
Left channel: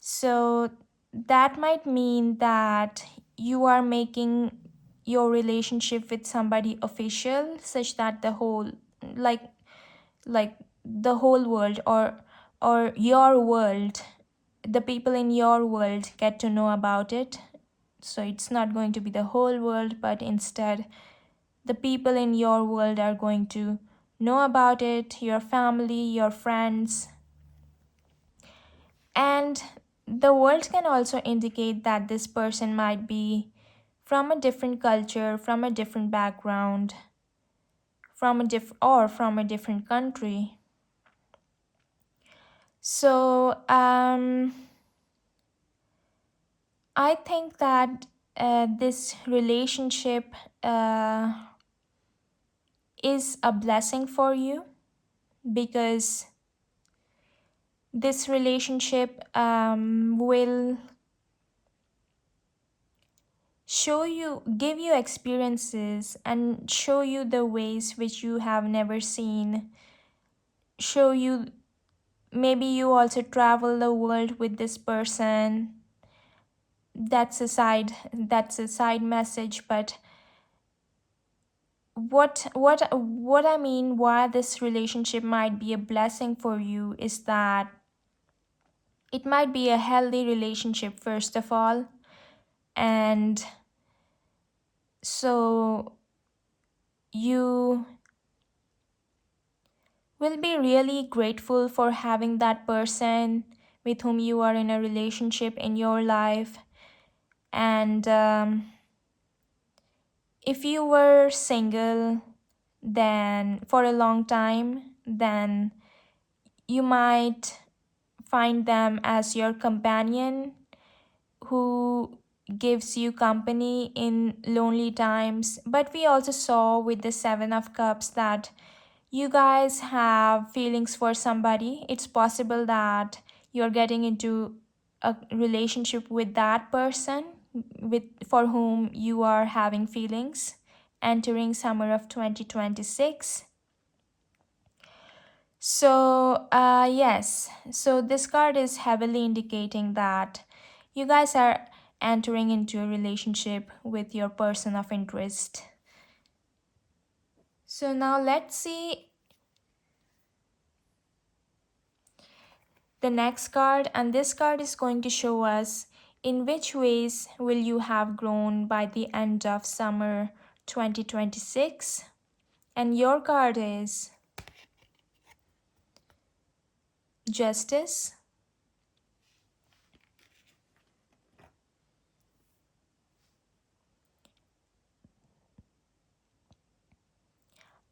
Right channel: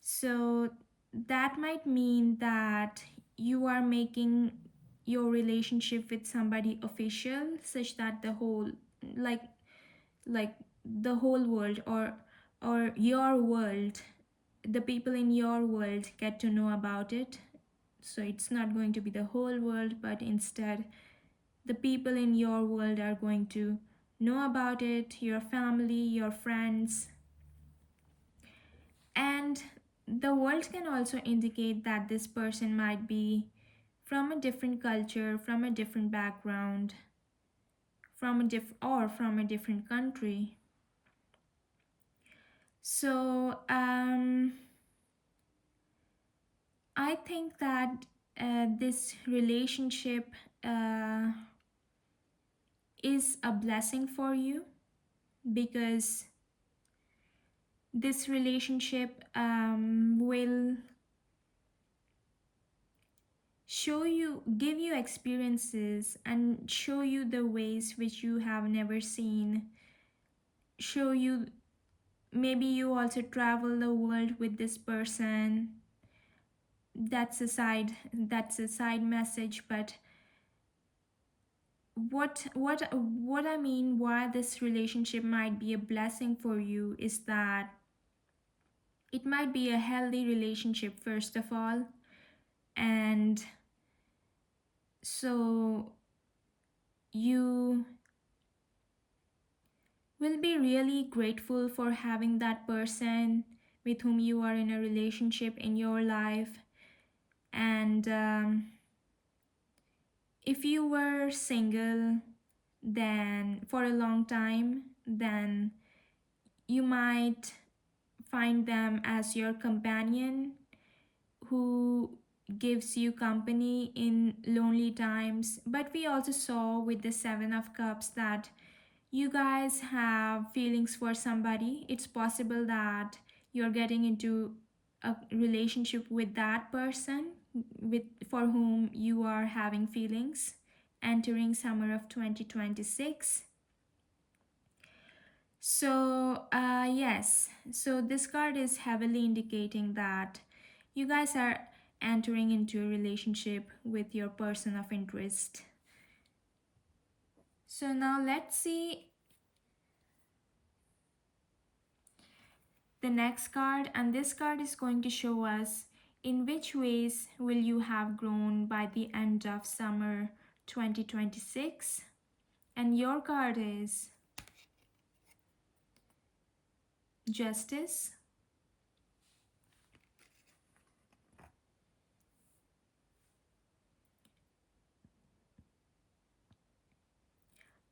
So that might mean that you are making your relationship with somebody official, such that the whole, like like the whole world, or your world, the people in your world get to know about it. So it's not going to be the whole world, but instead the people in your world are going to know about it, your family, your friends. And the world can also indicate that this person might be from a different culture, from a different background, from a different country. So I think that this relationship uh, is a blessing for you, because this relationship will give you experiences and show you the ways which you have never seen. Show you, maybe you also travel the world with this person. That's a side message, but what I mean, why this relationship might be a blessing for you, is that it might be a healthy relationship first of all. And so you will be really grateful for having that person with whom you are in a relationship in your life. And if you were single then for a long time, then you might find them as your companion who gives you company in lonely times. But we also saw with the 7 of Cups that you guys have feelings for somebody. It's possible that you're getting into a relationship with that person for whom you are having feelings entering summer of 2026. So yes, so this card is heavily indicating that you guys are entering into a relationship with your person of interest. So now let's see the next card, and this card is going to show us in which ways will you have grown by the end of summer 2026. And your card is Justice.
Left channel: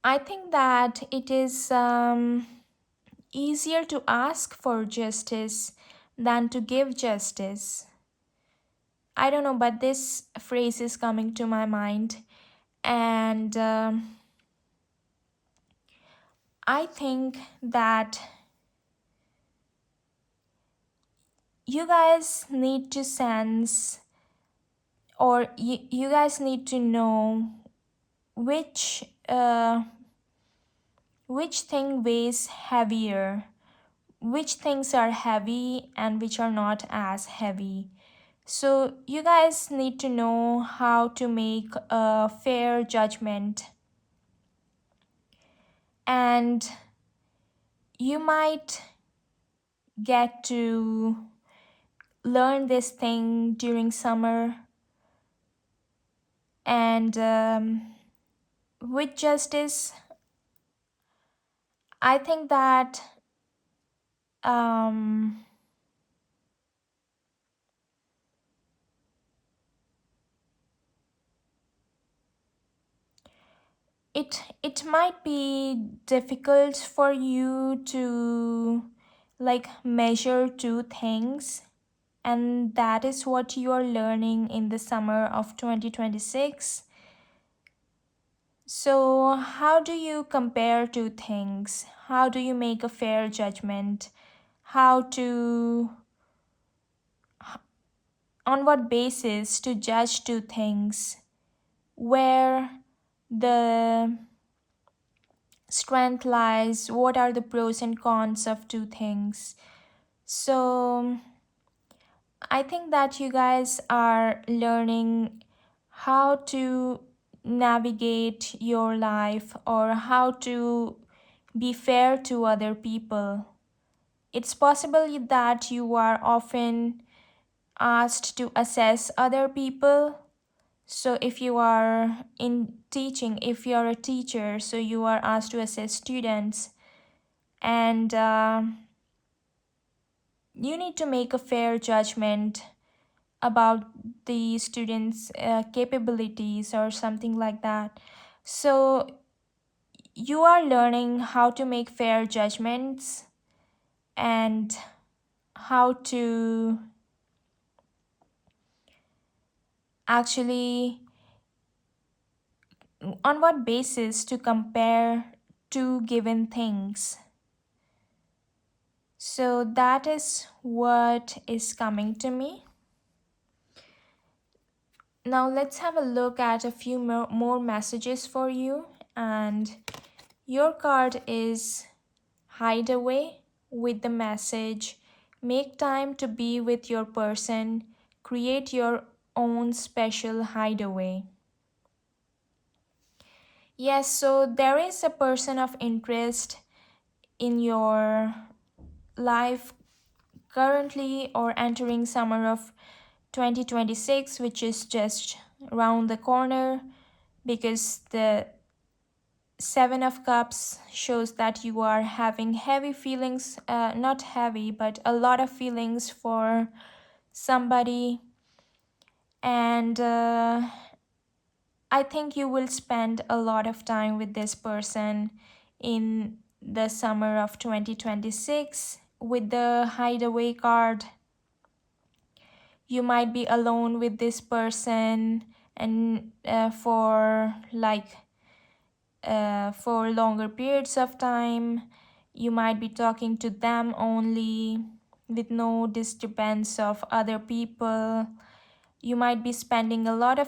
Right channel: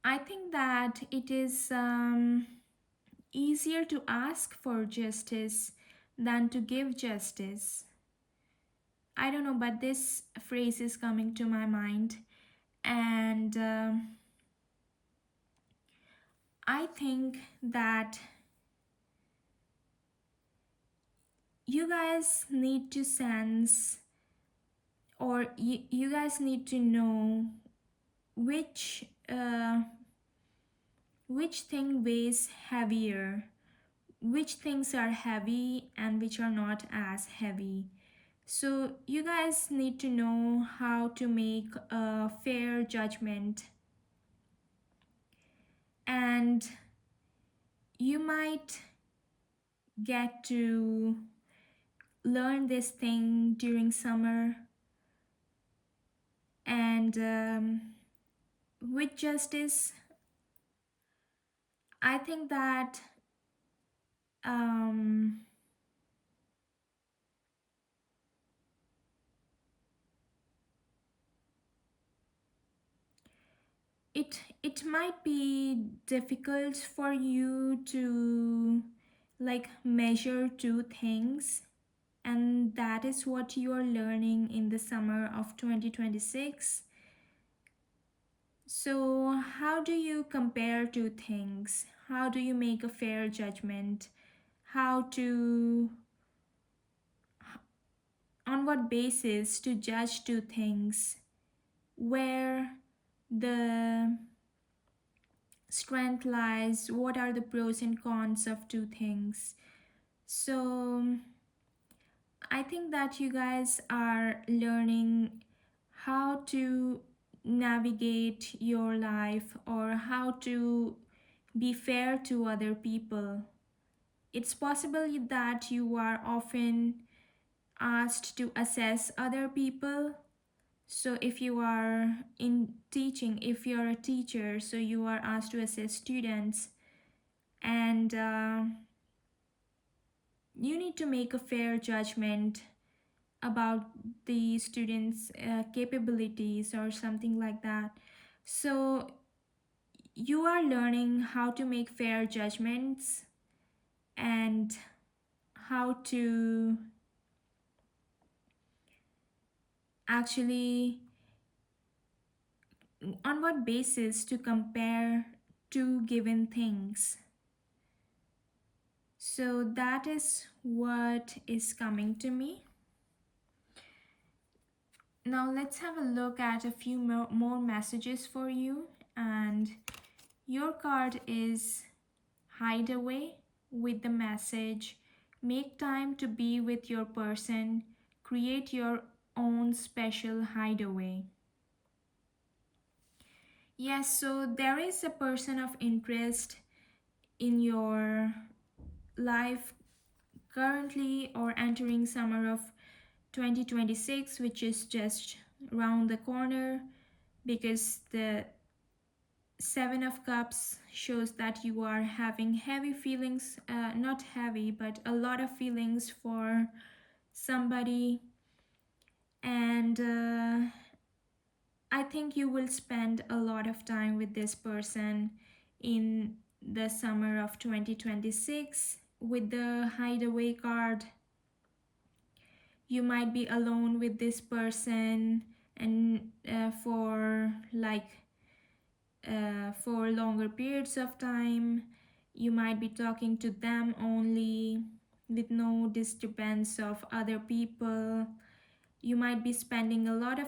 I think that it is easier to ask for justice than to give justice. I don't know, but this phrase is coming to my mind. And I think that you guys need to sense, or you guys need to know which which thing weighs heavier, which things are heavy and which are not as heavy. So you guys need to know how to make a fair judgment. And you might get to learn this thing during summer. And with justice, I think that um, it might be difficult for you to like measure two things, and that is what you are learning in the summer of 2026. So how do you compare two things? How do you make a fair judgment? How to, on what basis to judge two things? Where the strength lies? What are the pros and cons of two things? So I think that you guys are learning how to navigate your life or how to be fair to other people. It's possible that you are often asked to assess other people. So if you are in teaching, if you are a teacher, so you are asked to assess students, and you need to make a fair judgment about the students' capabilities or something like that. So you are learning how to make fair judgments and how to actually, on what basis to compare two given things. So that is what is coming to me. Now let's have a look at a few more messages for you. And your card is Hideaway with the message, make time to be with your person, create your own special hideaway. Yes, so there is a person of interest in your life currently or entering summer of 2026, which is just around the corner, because the Seven of Cups shows that you are having heavy feelings, not heavy, but a lot of feelings for somebody. And I think you will spend a lot of time with this person in the summer of 2026 with the Hideaway card. You might be alone with this person and for longer periods of time. You might be talking to them only with no disturbance of other people. You two might be spending a lot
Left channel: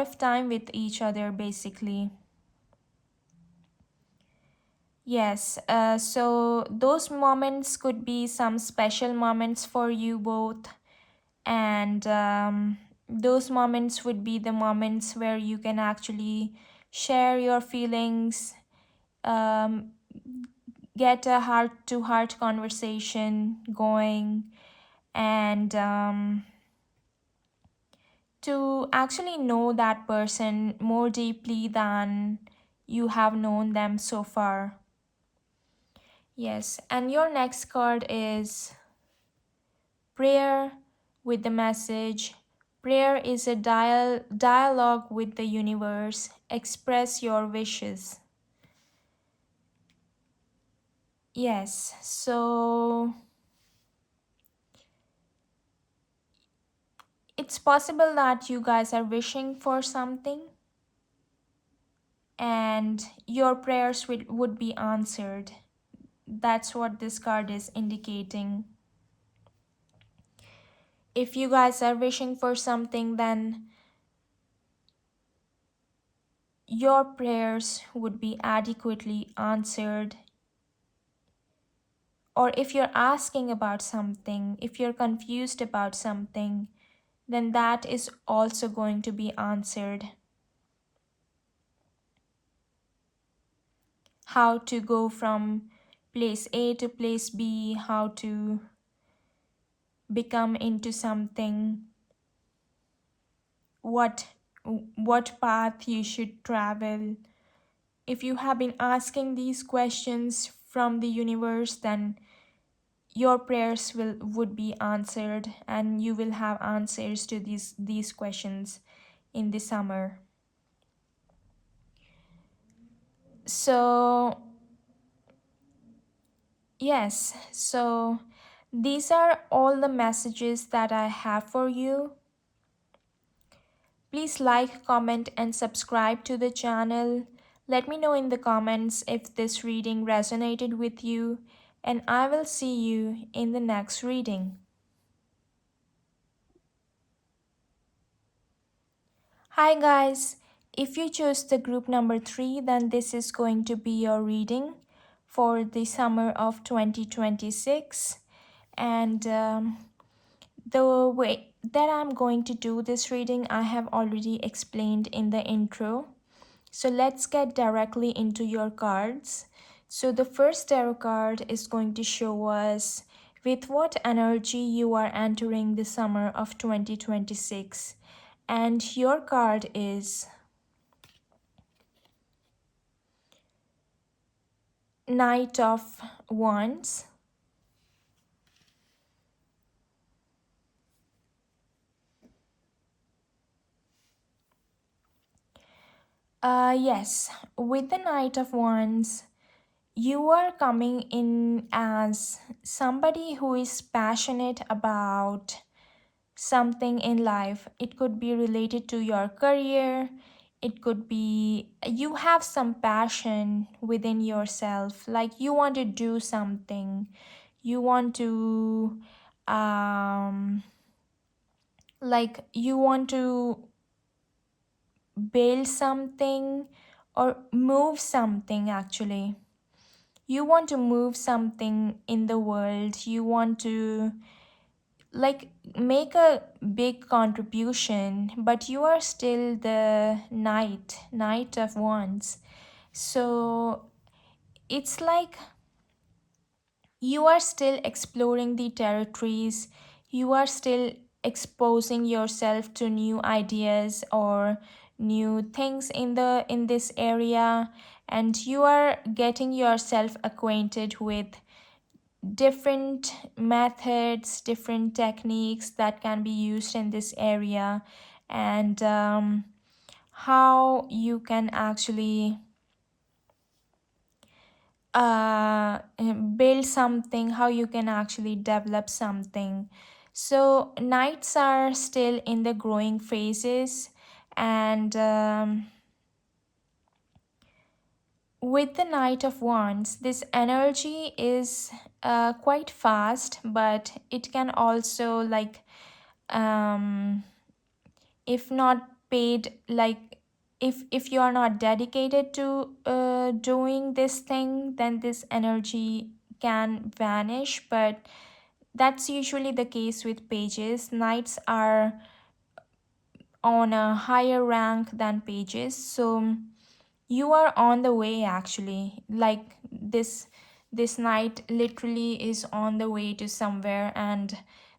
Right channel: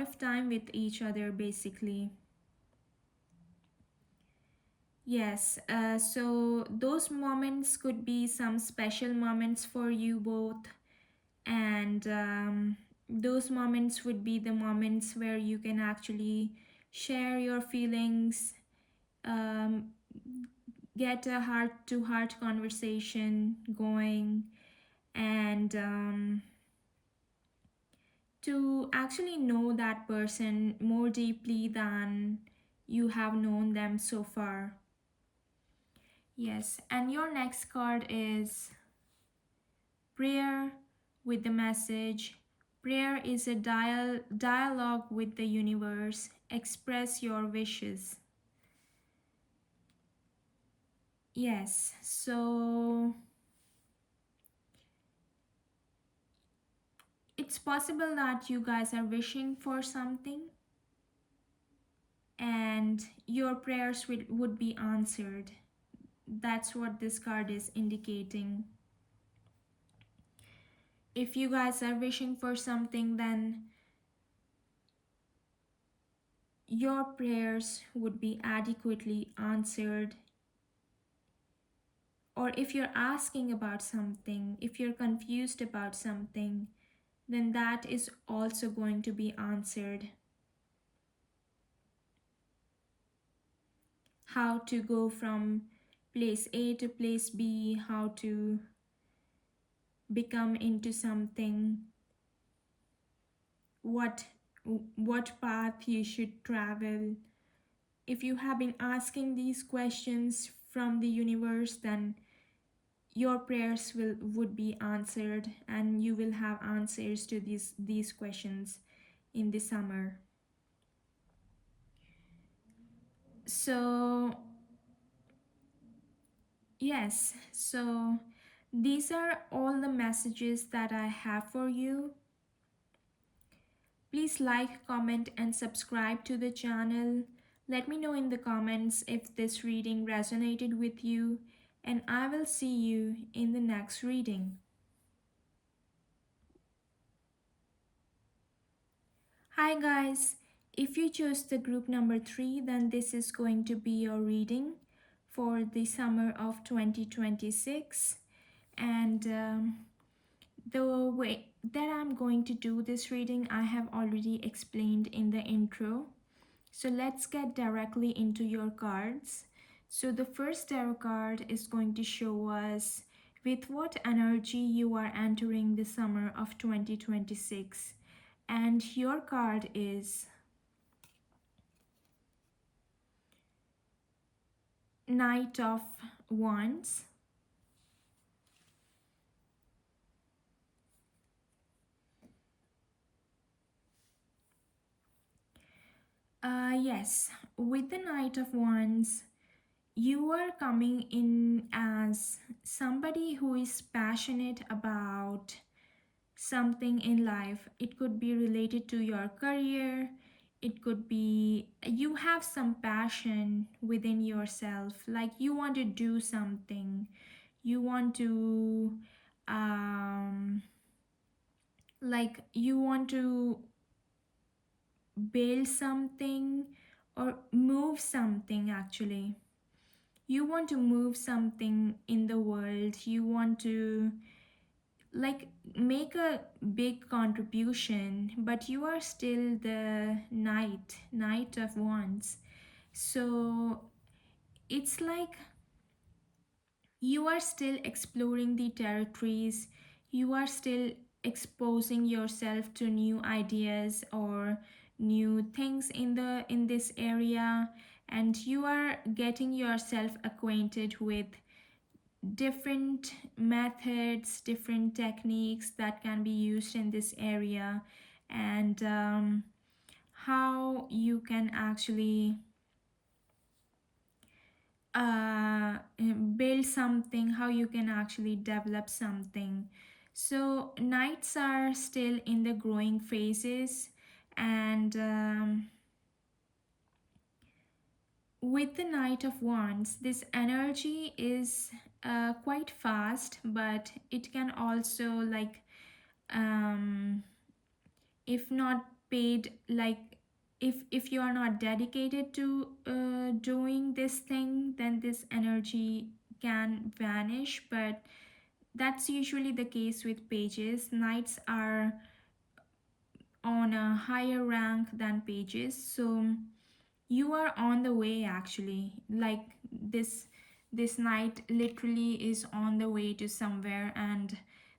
of time with each other basically. Yes, so those moments could be some special moments for you both, and those moments would be the moments where you can actually share your feelings, um, get a heart to heart conversation going, and to actually know that person more deeply than you have known them so far. Yes, and your next card is Prayer with the message, prayer is a dialogue with the universe. Express your wishes. Yes, so it's possible that you guys are wishing for something and your prayers would be answered. That's what this card is indicating. If you guys are wishing for something, then your prayers would be adequately answered. Or if you're asking about something, if you're confused about something, then that is also going to be answered. How to go from place A to place B, how to become into something, what path you should travel. If you have been asking these questions from the universe, then your prayers would be answered and you will have answers to these questions in the summer. So, yes, so these are all the messages that I have for you. Please like, comment, and subscribe to the channel. Let me know in the comments if this reading resonated with you, and I will see you in the next reading. Hi guys, if you chose the group number 3, then this is going to be your reading for the summer of 2026. And the way that I'm going to do this reading, I have already explained in the intro. So let's get directly into your cards. So the first tarot card is going to show us with what energy you are entering the summer of 2026. And your card is Knight of Wands. Yes, with the Knight of Wands, you are coming in as somebody who is passionate about something in life. It could be related to your career. It could be you have some passion within yourself, like you want to do something. You want to you want to build something or move something actually. You want to move something in the world. You want to like make a big contribution, but you are still the knight of wands. So it's like you are still exploring the territories. You are still exposing yourself to new ideas or new things in this area, and you are getting yourself acquainted with different methods, different techniques that can be used in this area, and how you can actually build something, how you can actually develop something. So knights are still in the growing phases, and with the Knight of Wands, this energy is quite fast, but it can also um, if not paid, if you are not dedicated to doing this thing, then this energy can vanish. But that's usually the case with pages. Knights are on a higher rank than pages, so you are on the way actually. Like this knight literally is on the way to somewhere, and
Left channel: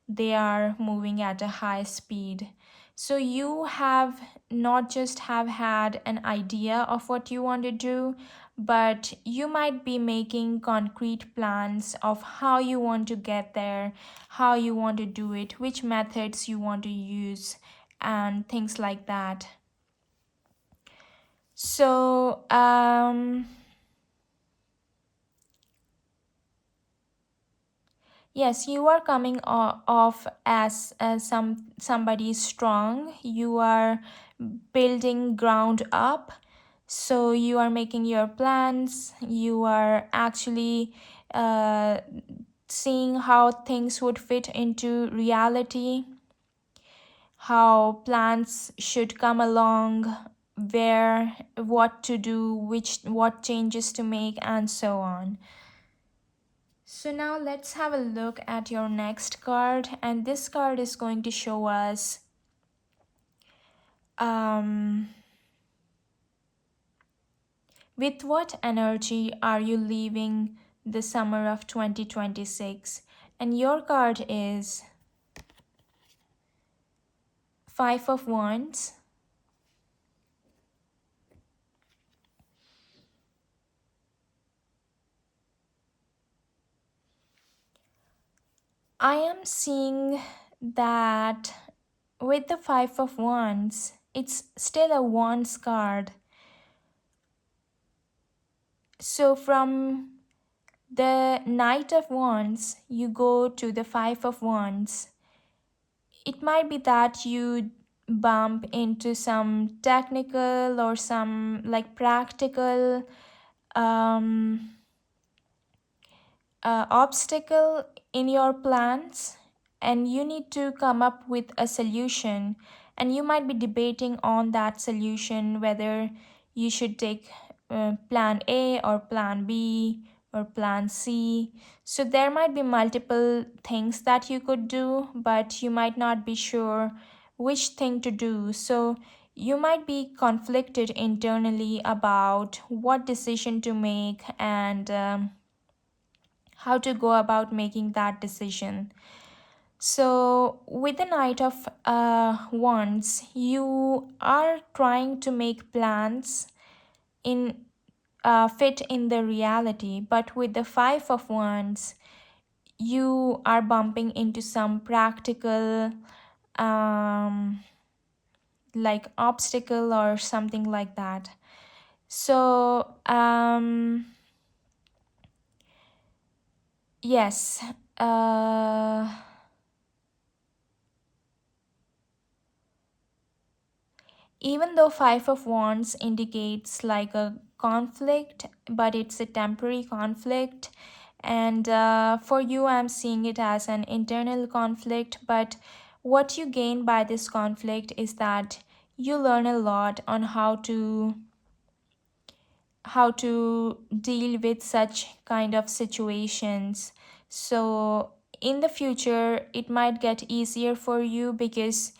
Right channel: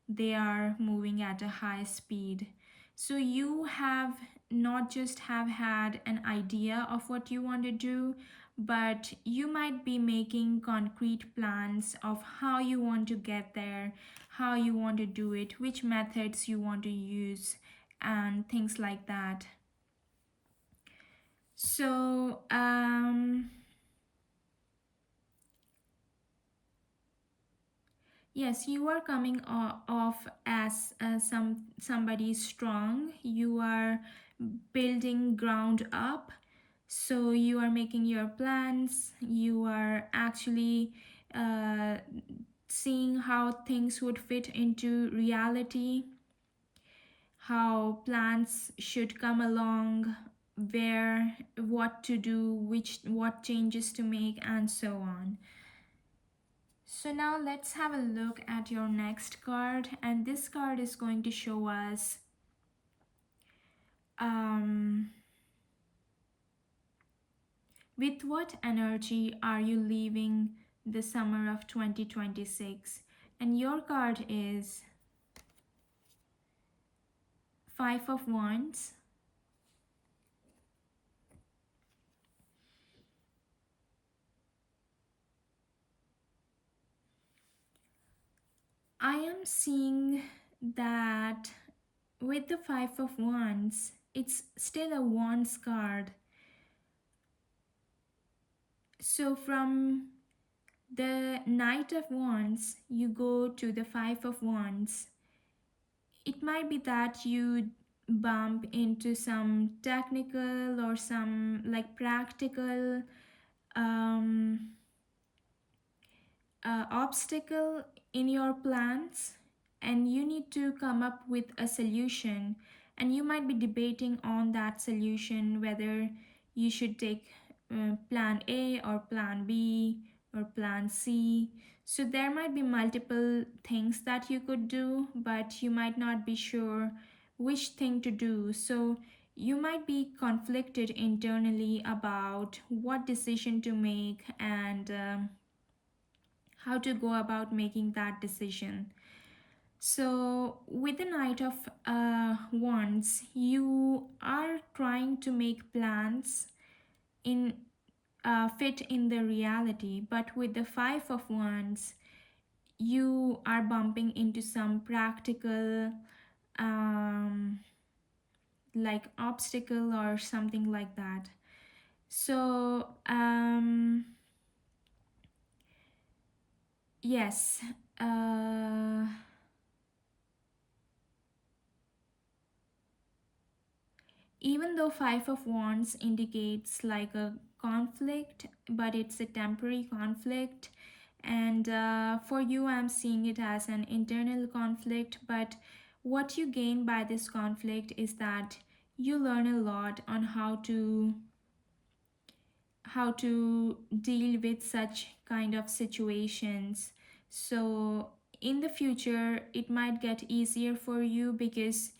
they are moving at a high speed. So you have not just have had an idea of what you want to do, but you might be making concrete plans of how you want to get there, how you want to do it, which methods you want to use, and things like that. So, yes, you are coming off as somebody strong. You are building ground up. So you are making your plans. You are actually seeing how things would fit into reality, how plans should come along, where, what to do, what changes to make, and so on. So now let's have a look at your next card, and this card is going to show us um, with what energy are you leaving the summer of 2026? And your card is Five of Wands. I am seeing that with the Five of Wands, it's still a Wands card. So from the Knight of Wands, you go to the Five of Wands. It might be that you bump into some technical or some like practical um, obstacle in your plans, and you need to come up with a solution, and you might be debating on that solution whether you should take plan A or plan B or plan C. So there might be multiple things that you could do, but you might not be sure which thing to do. So you might be conflicted internally about what decision to make, and how to go about making that decision. So, with the Knight of Wands, you are trying to make plans in fit in the reality, but with the Five of Wands, you are bumping into some practical like obstacle or something like that. So, yes. Even though Five of Wands indicates like a conflict, but it's a temporary conflict. And for you, I'm seeing it as an internal conflict. But what you gain by this conflict is that you learn a lot on how to deal with such kind of situations. So in the future, it might get easier for you because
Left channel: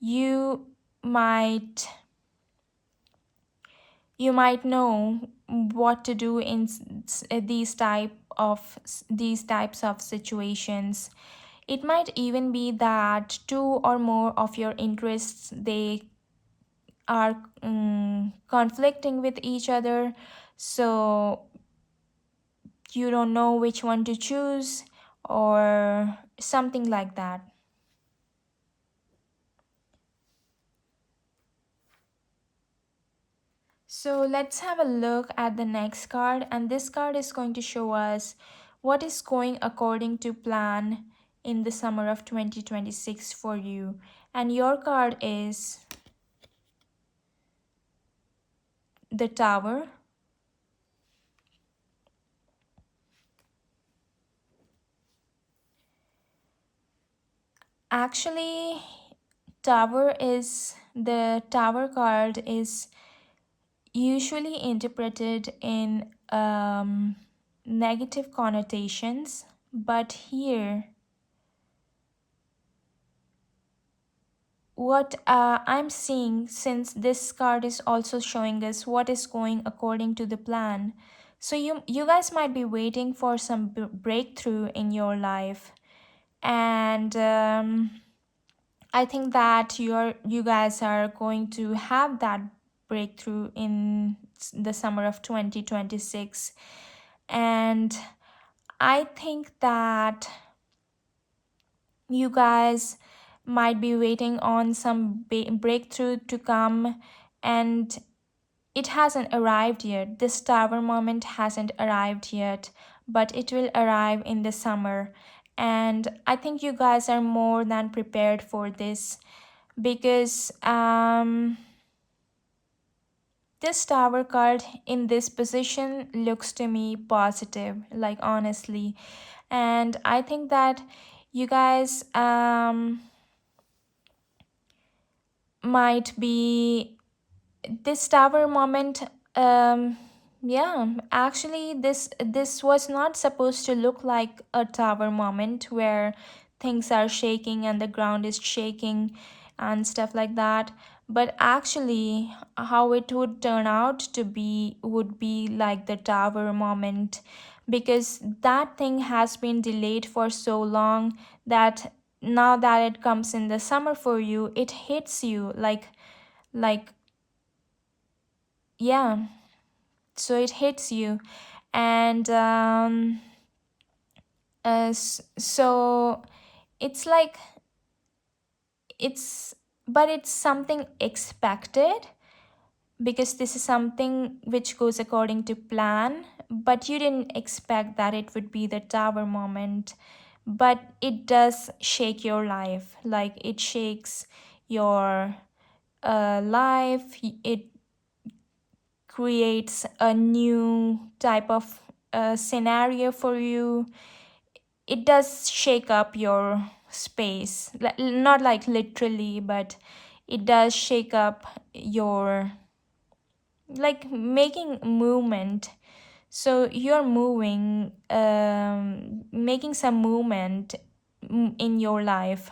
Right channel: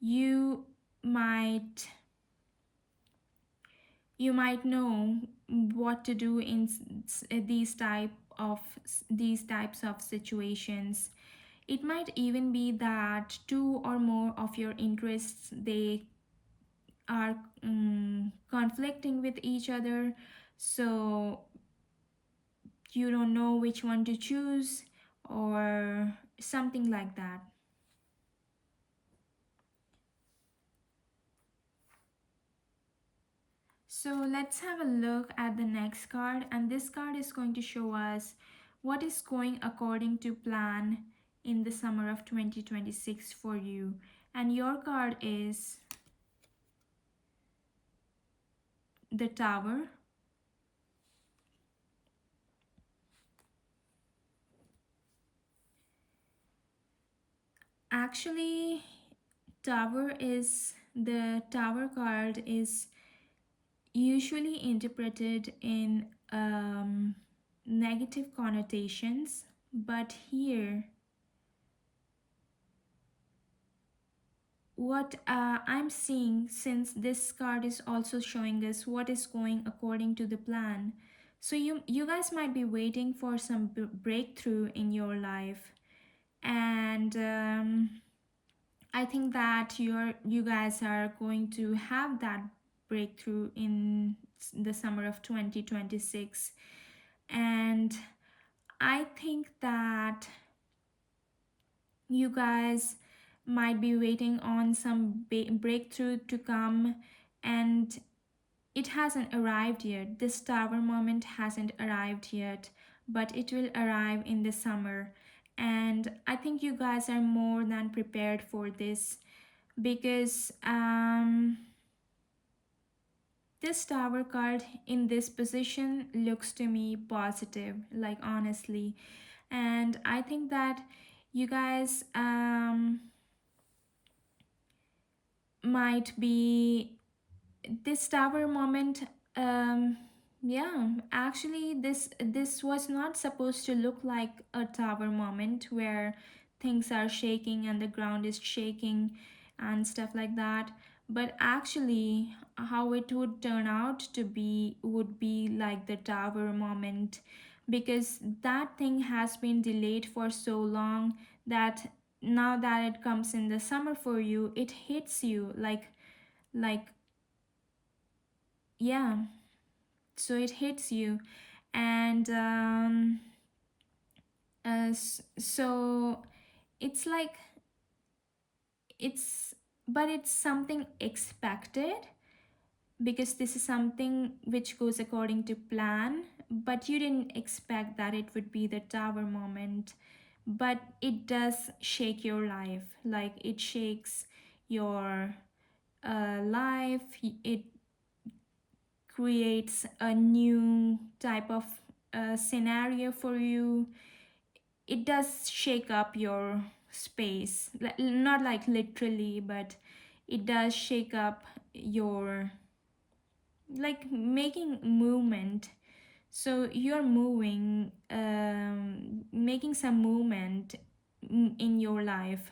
you might you might know what to do in these types of situations. It might even be that two or more of your interests, they are conflicting with each other, so you don't know which one to choose or something like that. So let's have a look at the next card, and this card is going to show us what is going according to plan in the summer of 2026 for you. And your card is the Tower. Actually, the Tower card is usually interpreted in negative connotations, but here what I'm seeing, since this card is also showing us what is going according to the plan, so you guys might be waiting for some breakthrough in your life, and I think that you guys are going to have that breakthrough in the summer of 2026. And I think that you guys might be waiting on some breakthrough to come, and it hasn't arrived yet. This Tower moment hasn't arrived yet, but it will arrive in the summer. And I think you guys are more than prepared for this because this Tower card in this position looks to me positive, like honestly. And I think that you guys might be this Tower moment. Yeah, actually this was not supposed to look like a Tower moment where things are shaking and the ground is shaking and stuff like that, but actually how it would turn out to be would be like the Tower moment, because that thing has been delayed for so long that now that it comes in the summer for you, it hits you like yeah, so it hits you. And so it's like it's but it's something expected, because this is something which goes according to plan, but you didn't expect that it would be the tower moment. But it does shake your life, like it shakes your life. It creates a new type of scenario for you. It does shake up your space, not like literally, but it does shake up your, like, making movement. So you're moving, making some movement in your life.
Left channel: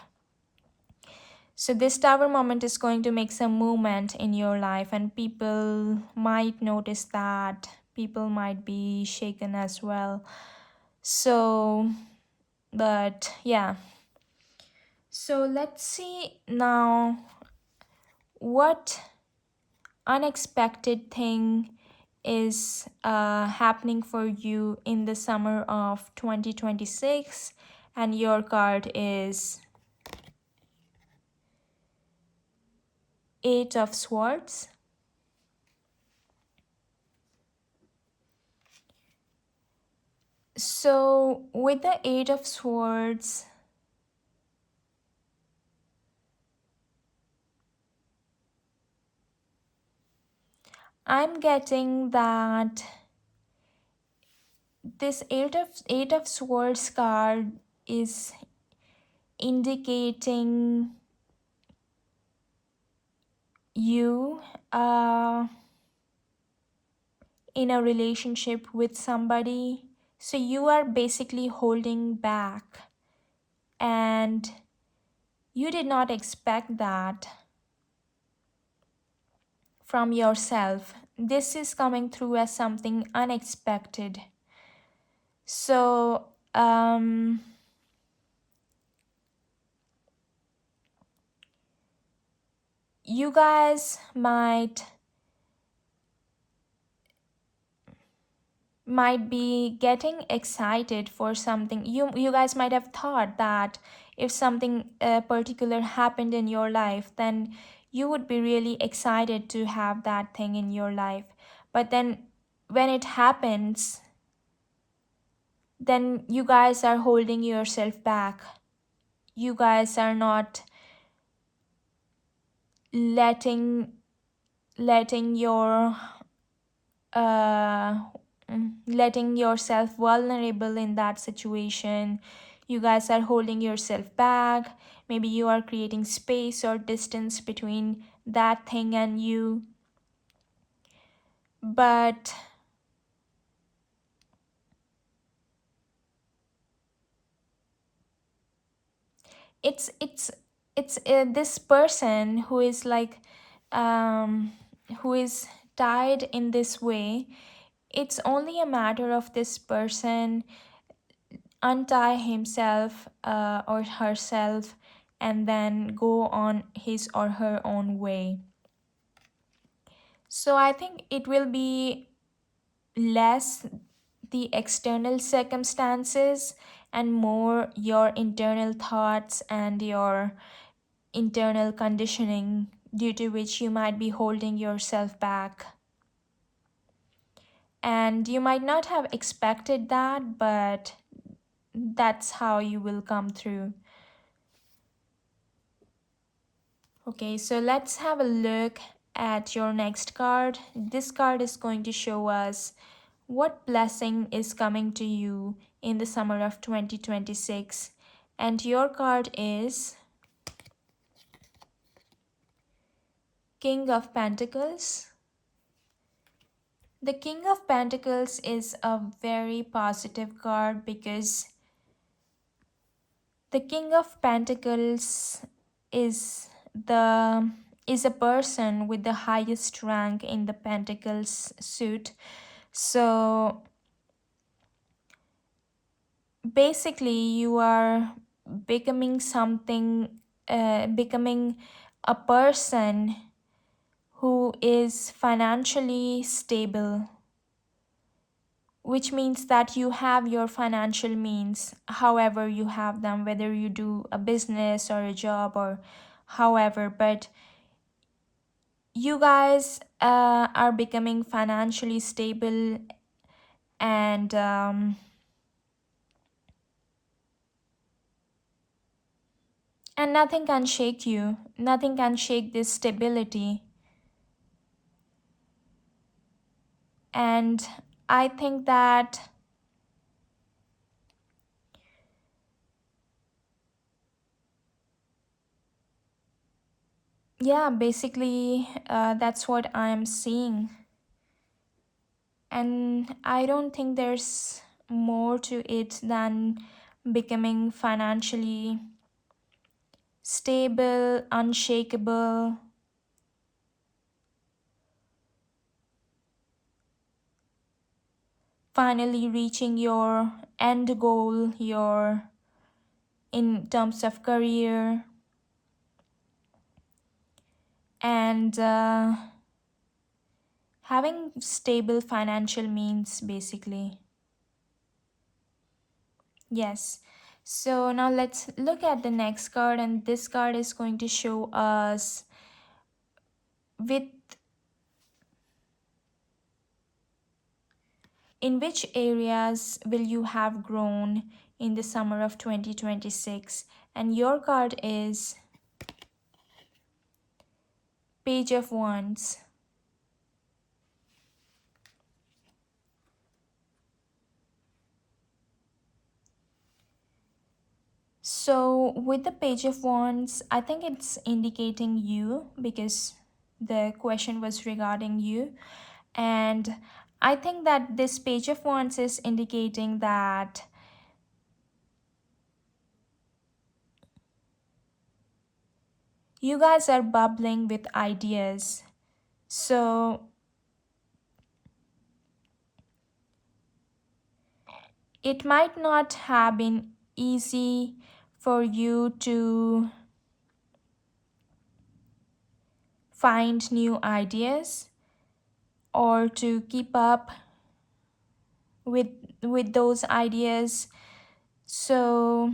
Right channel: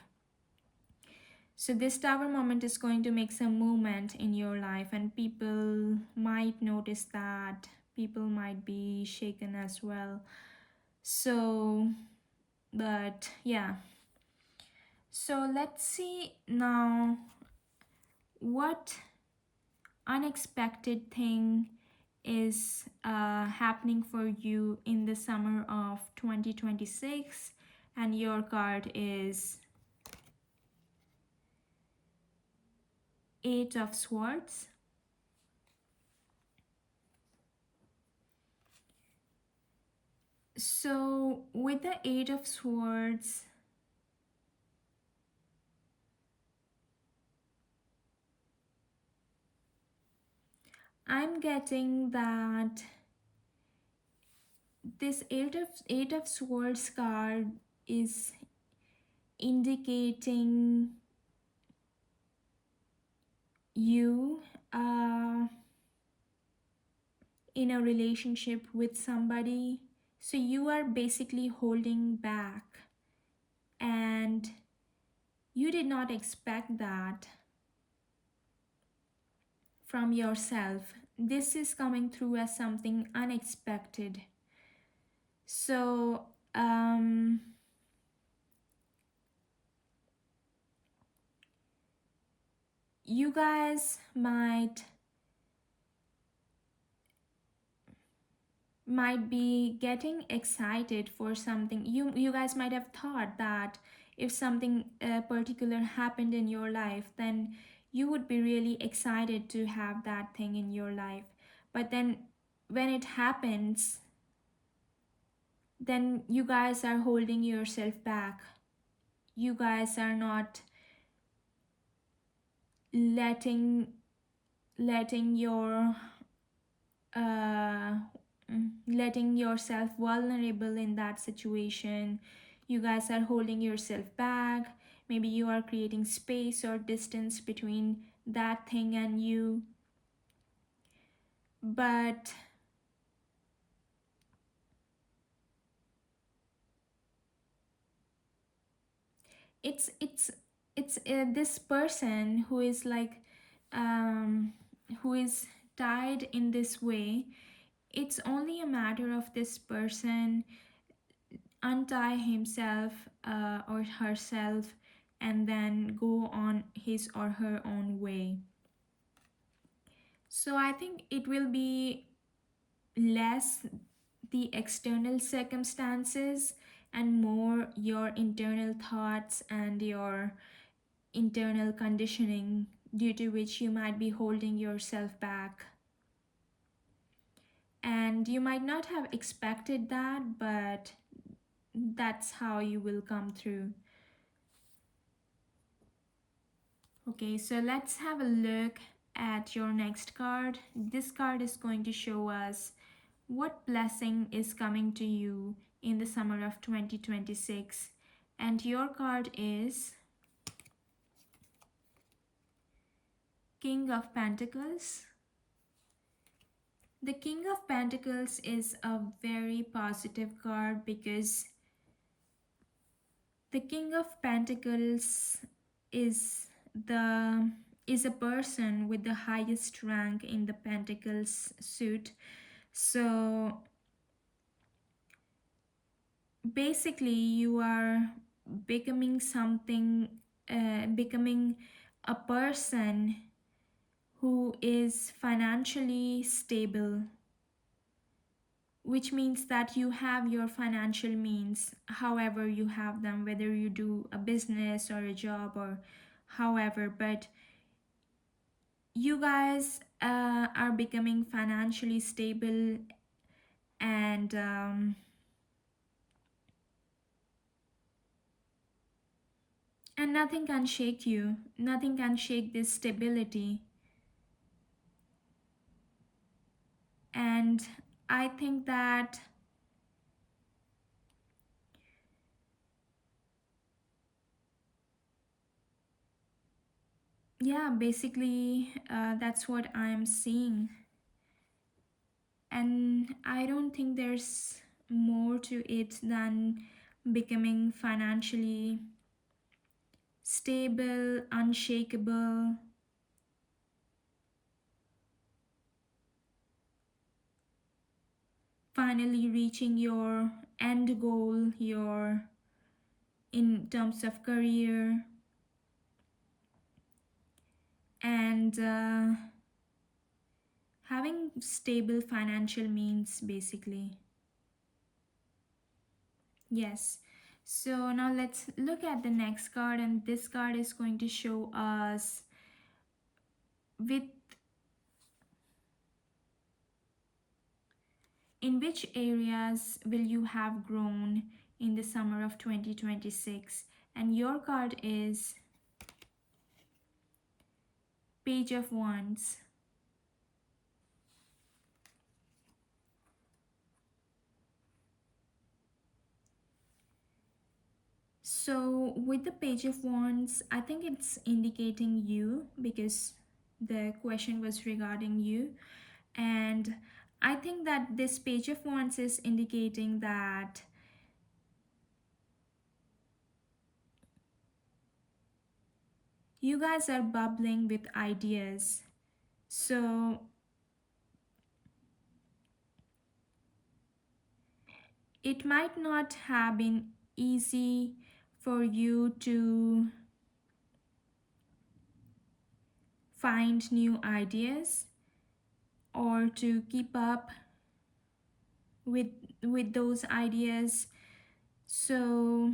So this tower moment is going to make some movement in your life, and people might notice that. People might be shaken as well. So, but yeah. So let's see now what unexpected thing is happening for you in the summer of 2026, and your card is Eight of Swords. So with the Eight of Swords, I'm getting that this Eight of Swords card is indicating you in a relationship with somebody. So you are basically holding back, and you did not expect that from yourself. This is coming through as something unexpected. So, you guys might be getting excited for something. You guys might have thought that if something particular happened in your life, then you would be really excited to have that thing in your life. But then when it happens, then you guys are holding yourself back. You guys are not letting your uh letting yourself vulnerable in that situation. You guys are holding yourself back. Maybe you are creating space or distance between that thing and you. But it's this person who is like, um who is tied in this way. It's only a matter of this person untie himself or herself, and then go on his or her own way. So I think it will be less the external circumstances and more your internal thoughts and your internal conditioning, due to which you might be holding yourself back. And you might not have expected that, but that's how you will come through. Okay, so let's have a look at your next card. This card is going to show us what blessing is coming to you in the summer of 2026. And your card is King of Pentacles. The King of Pentacles is a very positive card, because the King of Pentacles is the is a person with the highest rank in the Pentacles suit. So basically you are becoming something, becoming a person who is financially stable, which means that you have your financial means, however you have them, whether you do a business or a job or however. But you guys are becoming financially stable, and nothing can shake you. Nothing can shake this stability. And I think that, yeah, basically, that's what I am seeing. And I don't think there's more to it than becoming financially stable, unshakable, finally reaching your end goal, your in terms of career, and having stable financial means basically. Yes. So now let's look at the next card, and this card is going to show us with in which areas will you have grown in the summer of 2026. And your card is Page of Wands. So with the Page of Wands, I think it's indicating you because the question was regarding you. And I think that this Page of Wands is indicating that you guys are bubbling with ideas. So it might not have been easy for you to find new ideas or to keep up with those ideas. So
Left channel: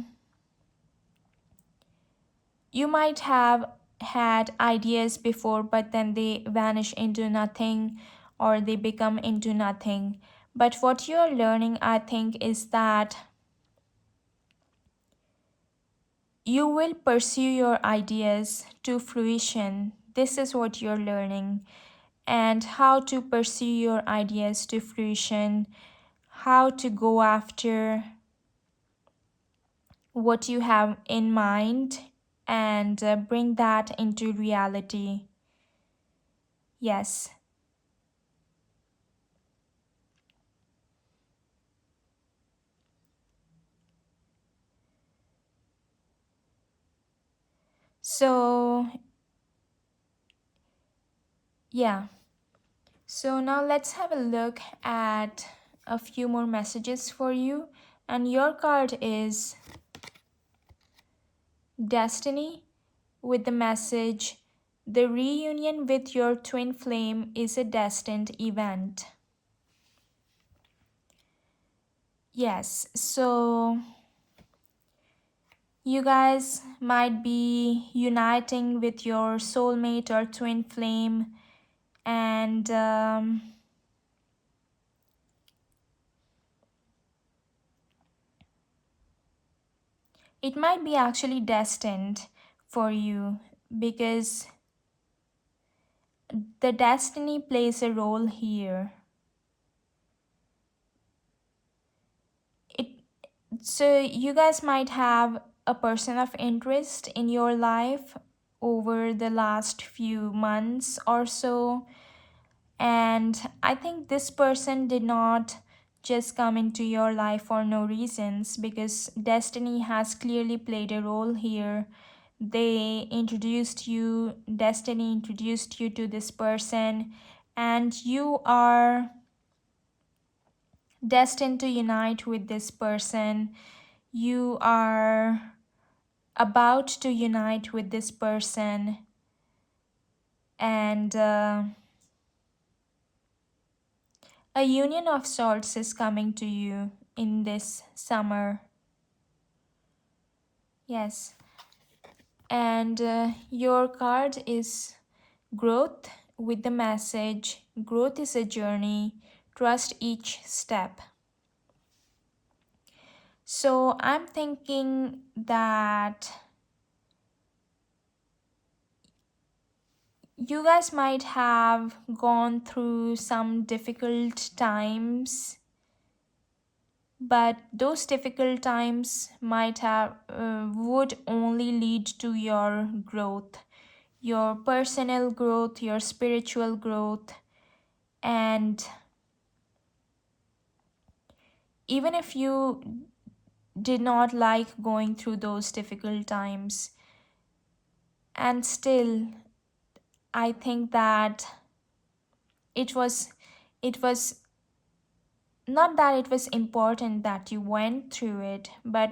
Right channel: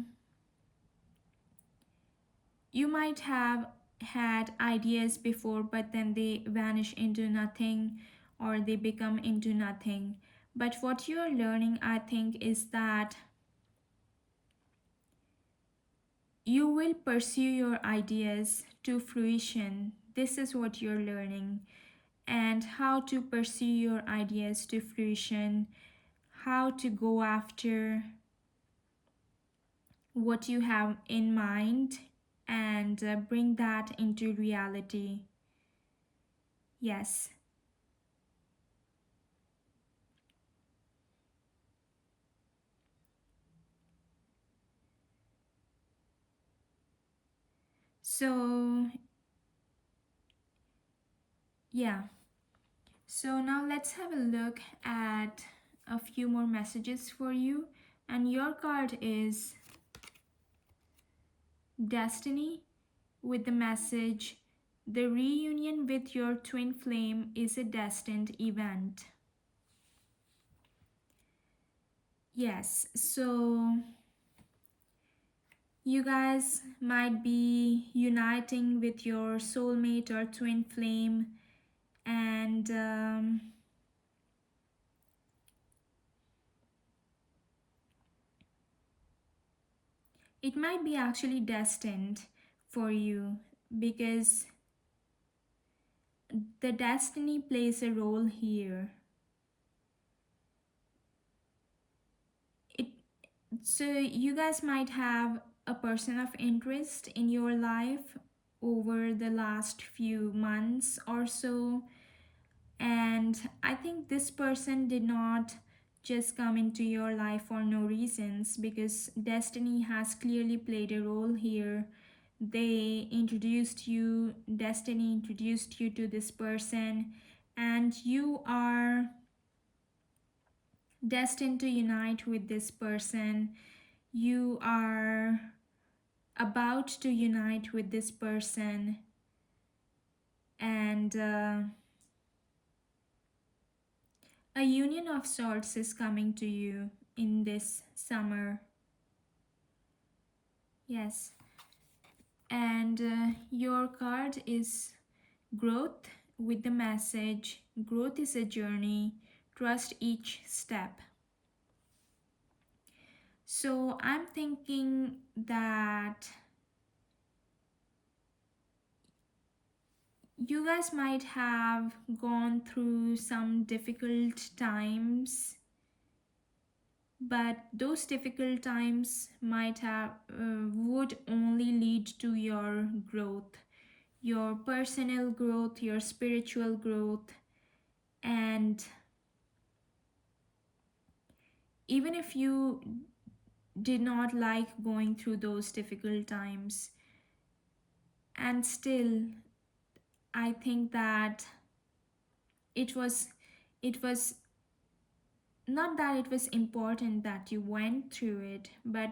you might have had ideas before, but then they vanish into nothing or they become into nothing. But what you're learning, I think, is that you will pursue your ideas to fruition. This is what you're learning. And how to pursue your ideas to fruition, how to go after what you have in mind and bring that into reality. Yes. So, yeah. So now let's have a look at a few more messages for you. And your card is Destiny with the message, the reunion with your twin flame is a destined event. Yes, so you guys might be uniting with your soulmate or twin flame, and it might be actually destined for you because the destiny plays a role here. It so you guys might have a person of interest in your life over the last few months or so, and I think this person did not just come into your life for no reasons because destiny has clearly played a role here. Destiny introduced you to this person, and you are destined to unite with this person. You are about to unite with this person, and a union of sorts is coming to you in this summer. Yes. And your card is Growth with the message, growth is a journey, trust each step. So I'm thinking that you guys might have gone through some difficult times, but those difficult times might have would only lead to your growth, your personal growth, your spiritual growth. And even if you did not like going through those difficult times, and still I think that it was it was not that it was important that you went through it, but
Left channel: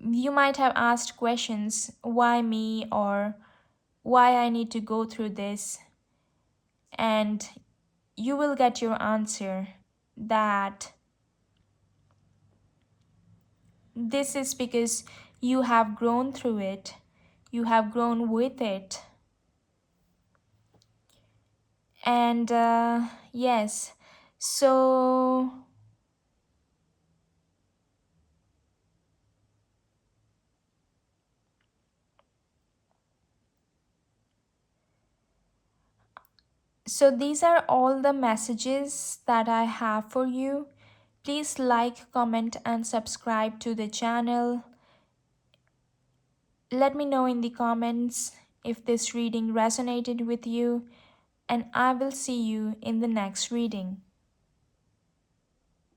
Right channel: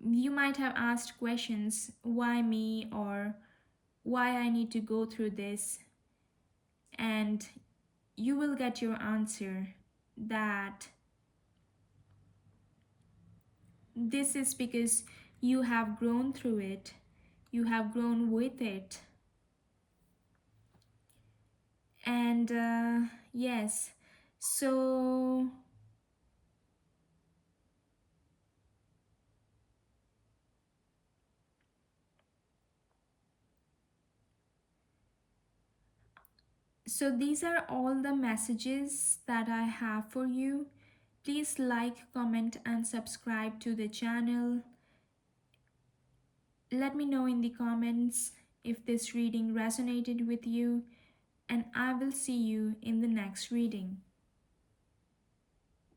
you might have asked questions, why me, or why I need to go through this. And you will get your answer that this is because you have grown through it, you have grown with it. And yes, so these are all the messages that I have for you. Please like, comment, and subscribe to the channel. Let me know in the comments if this reading resonated with you, and I will see you in the next reading.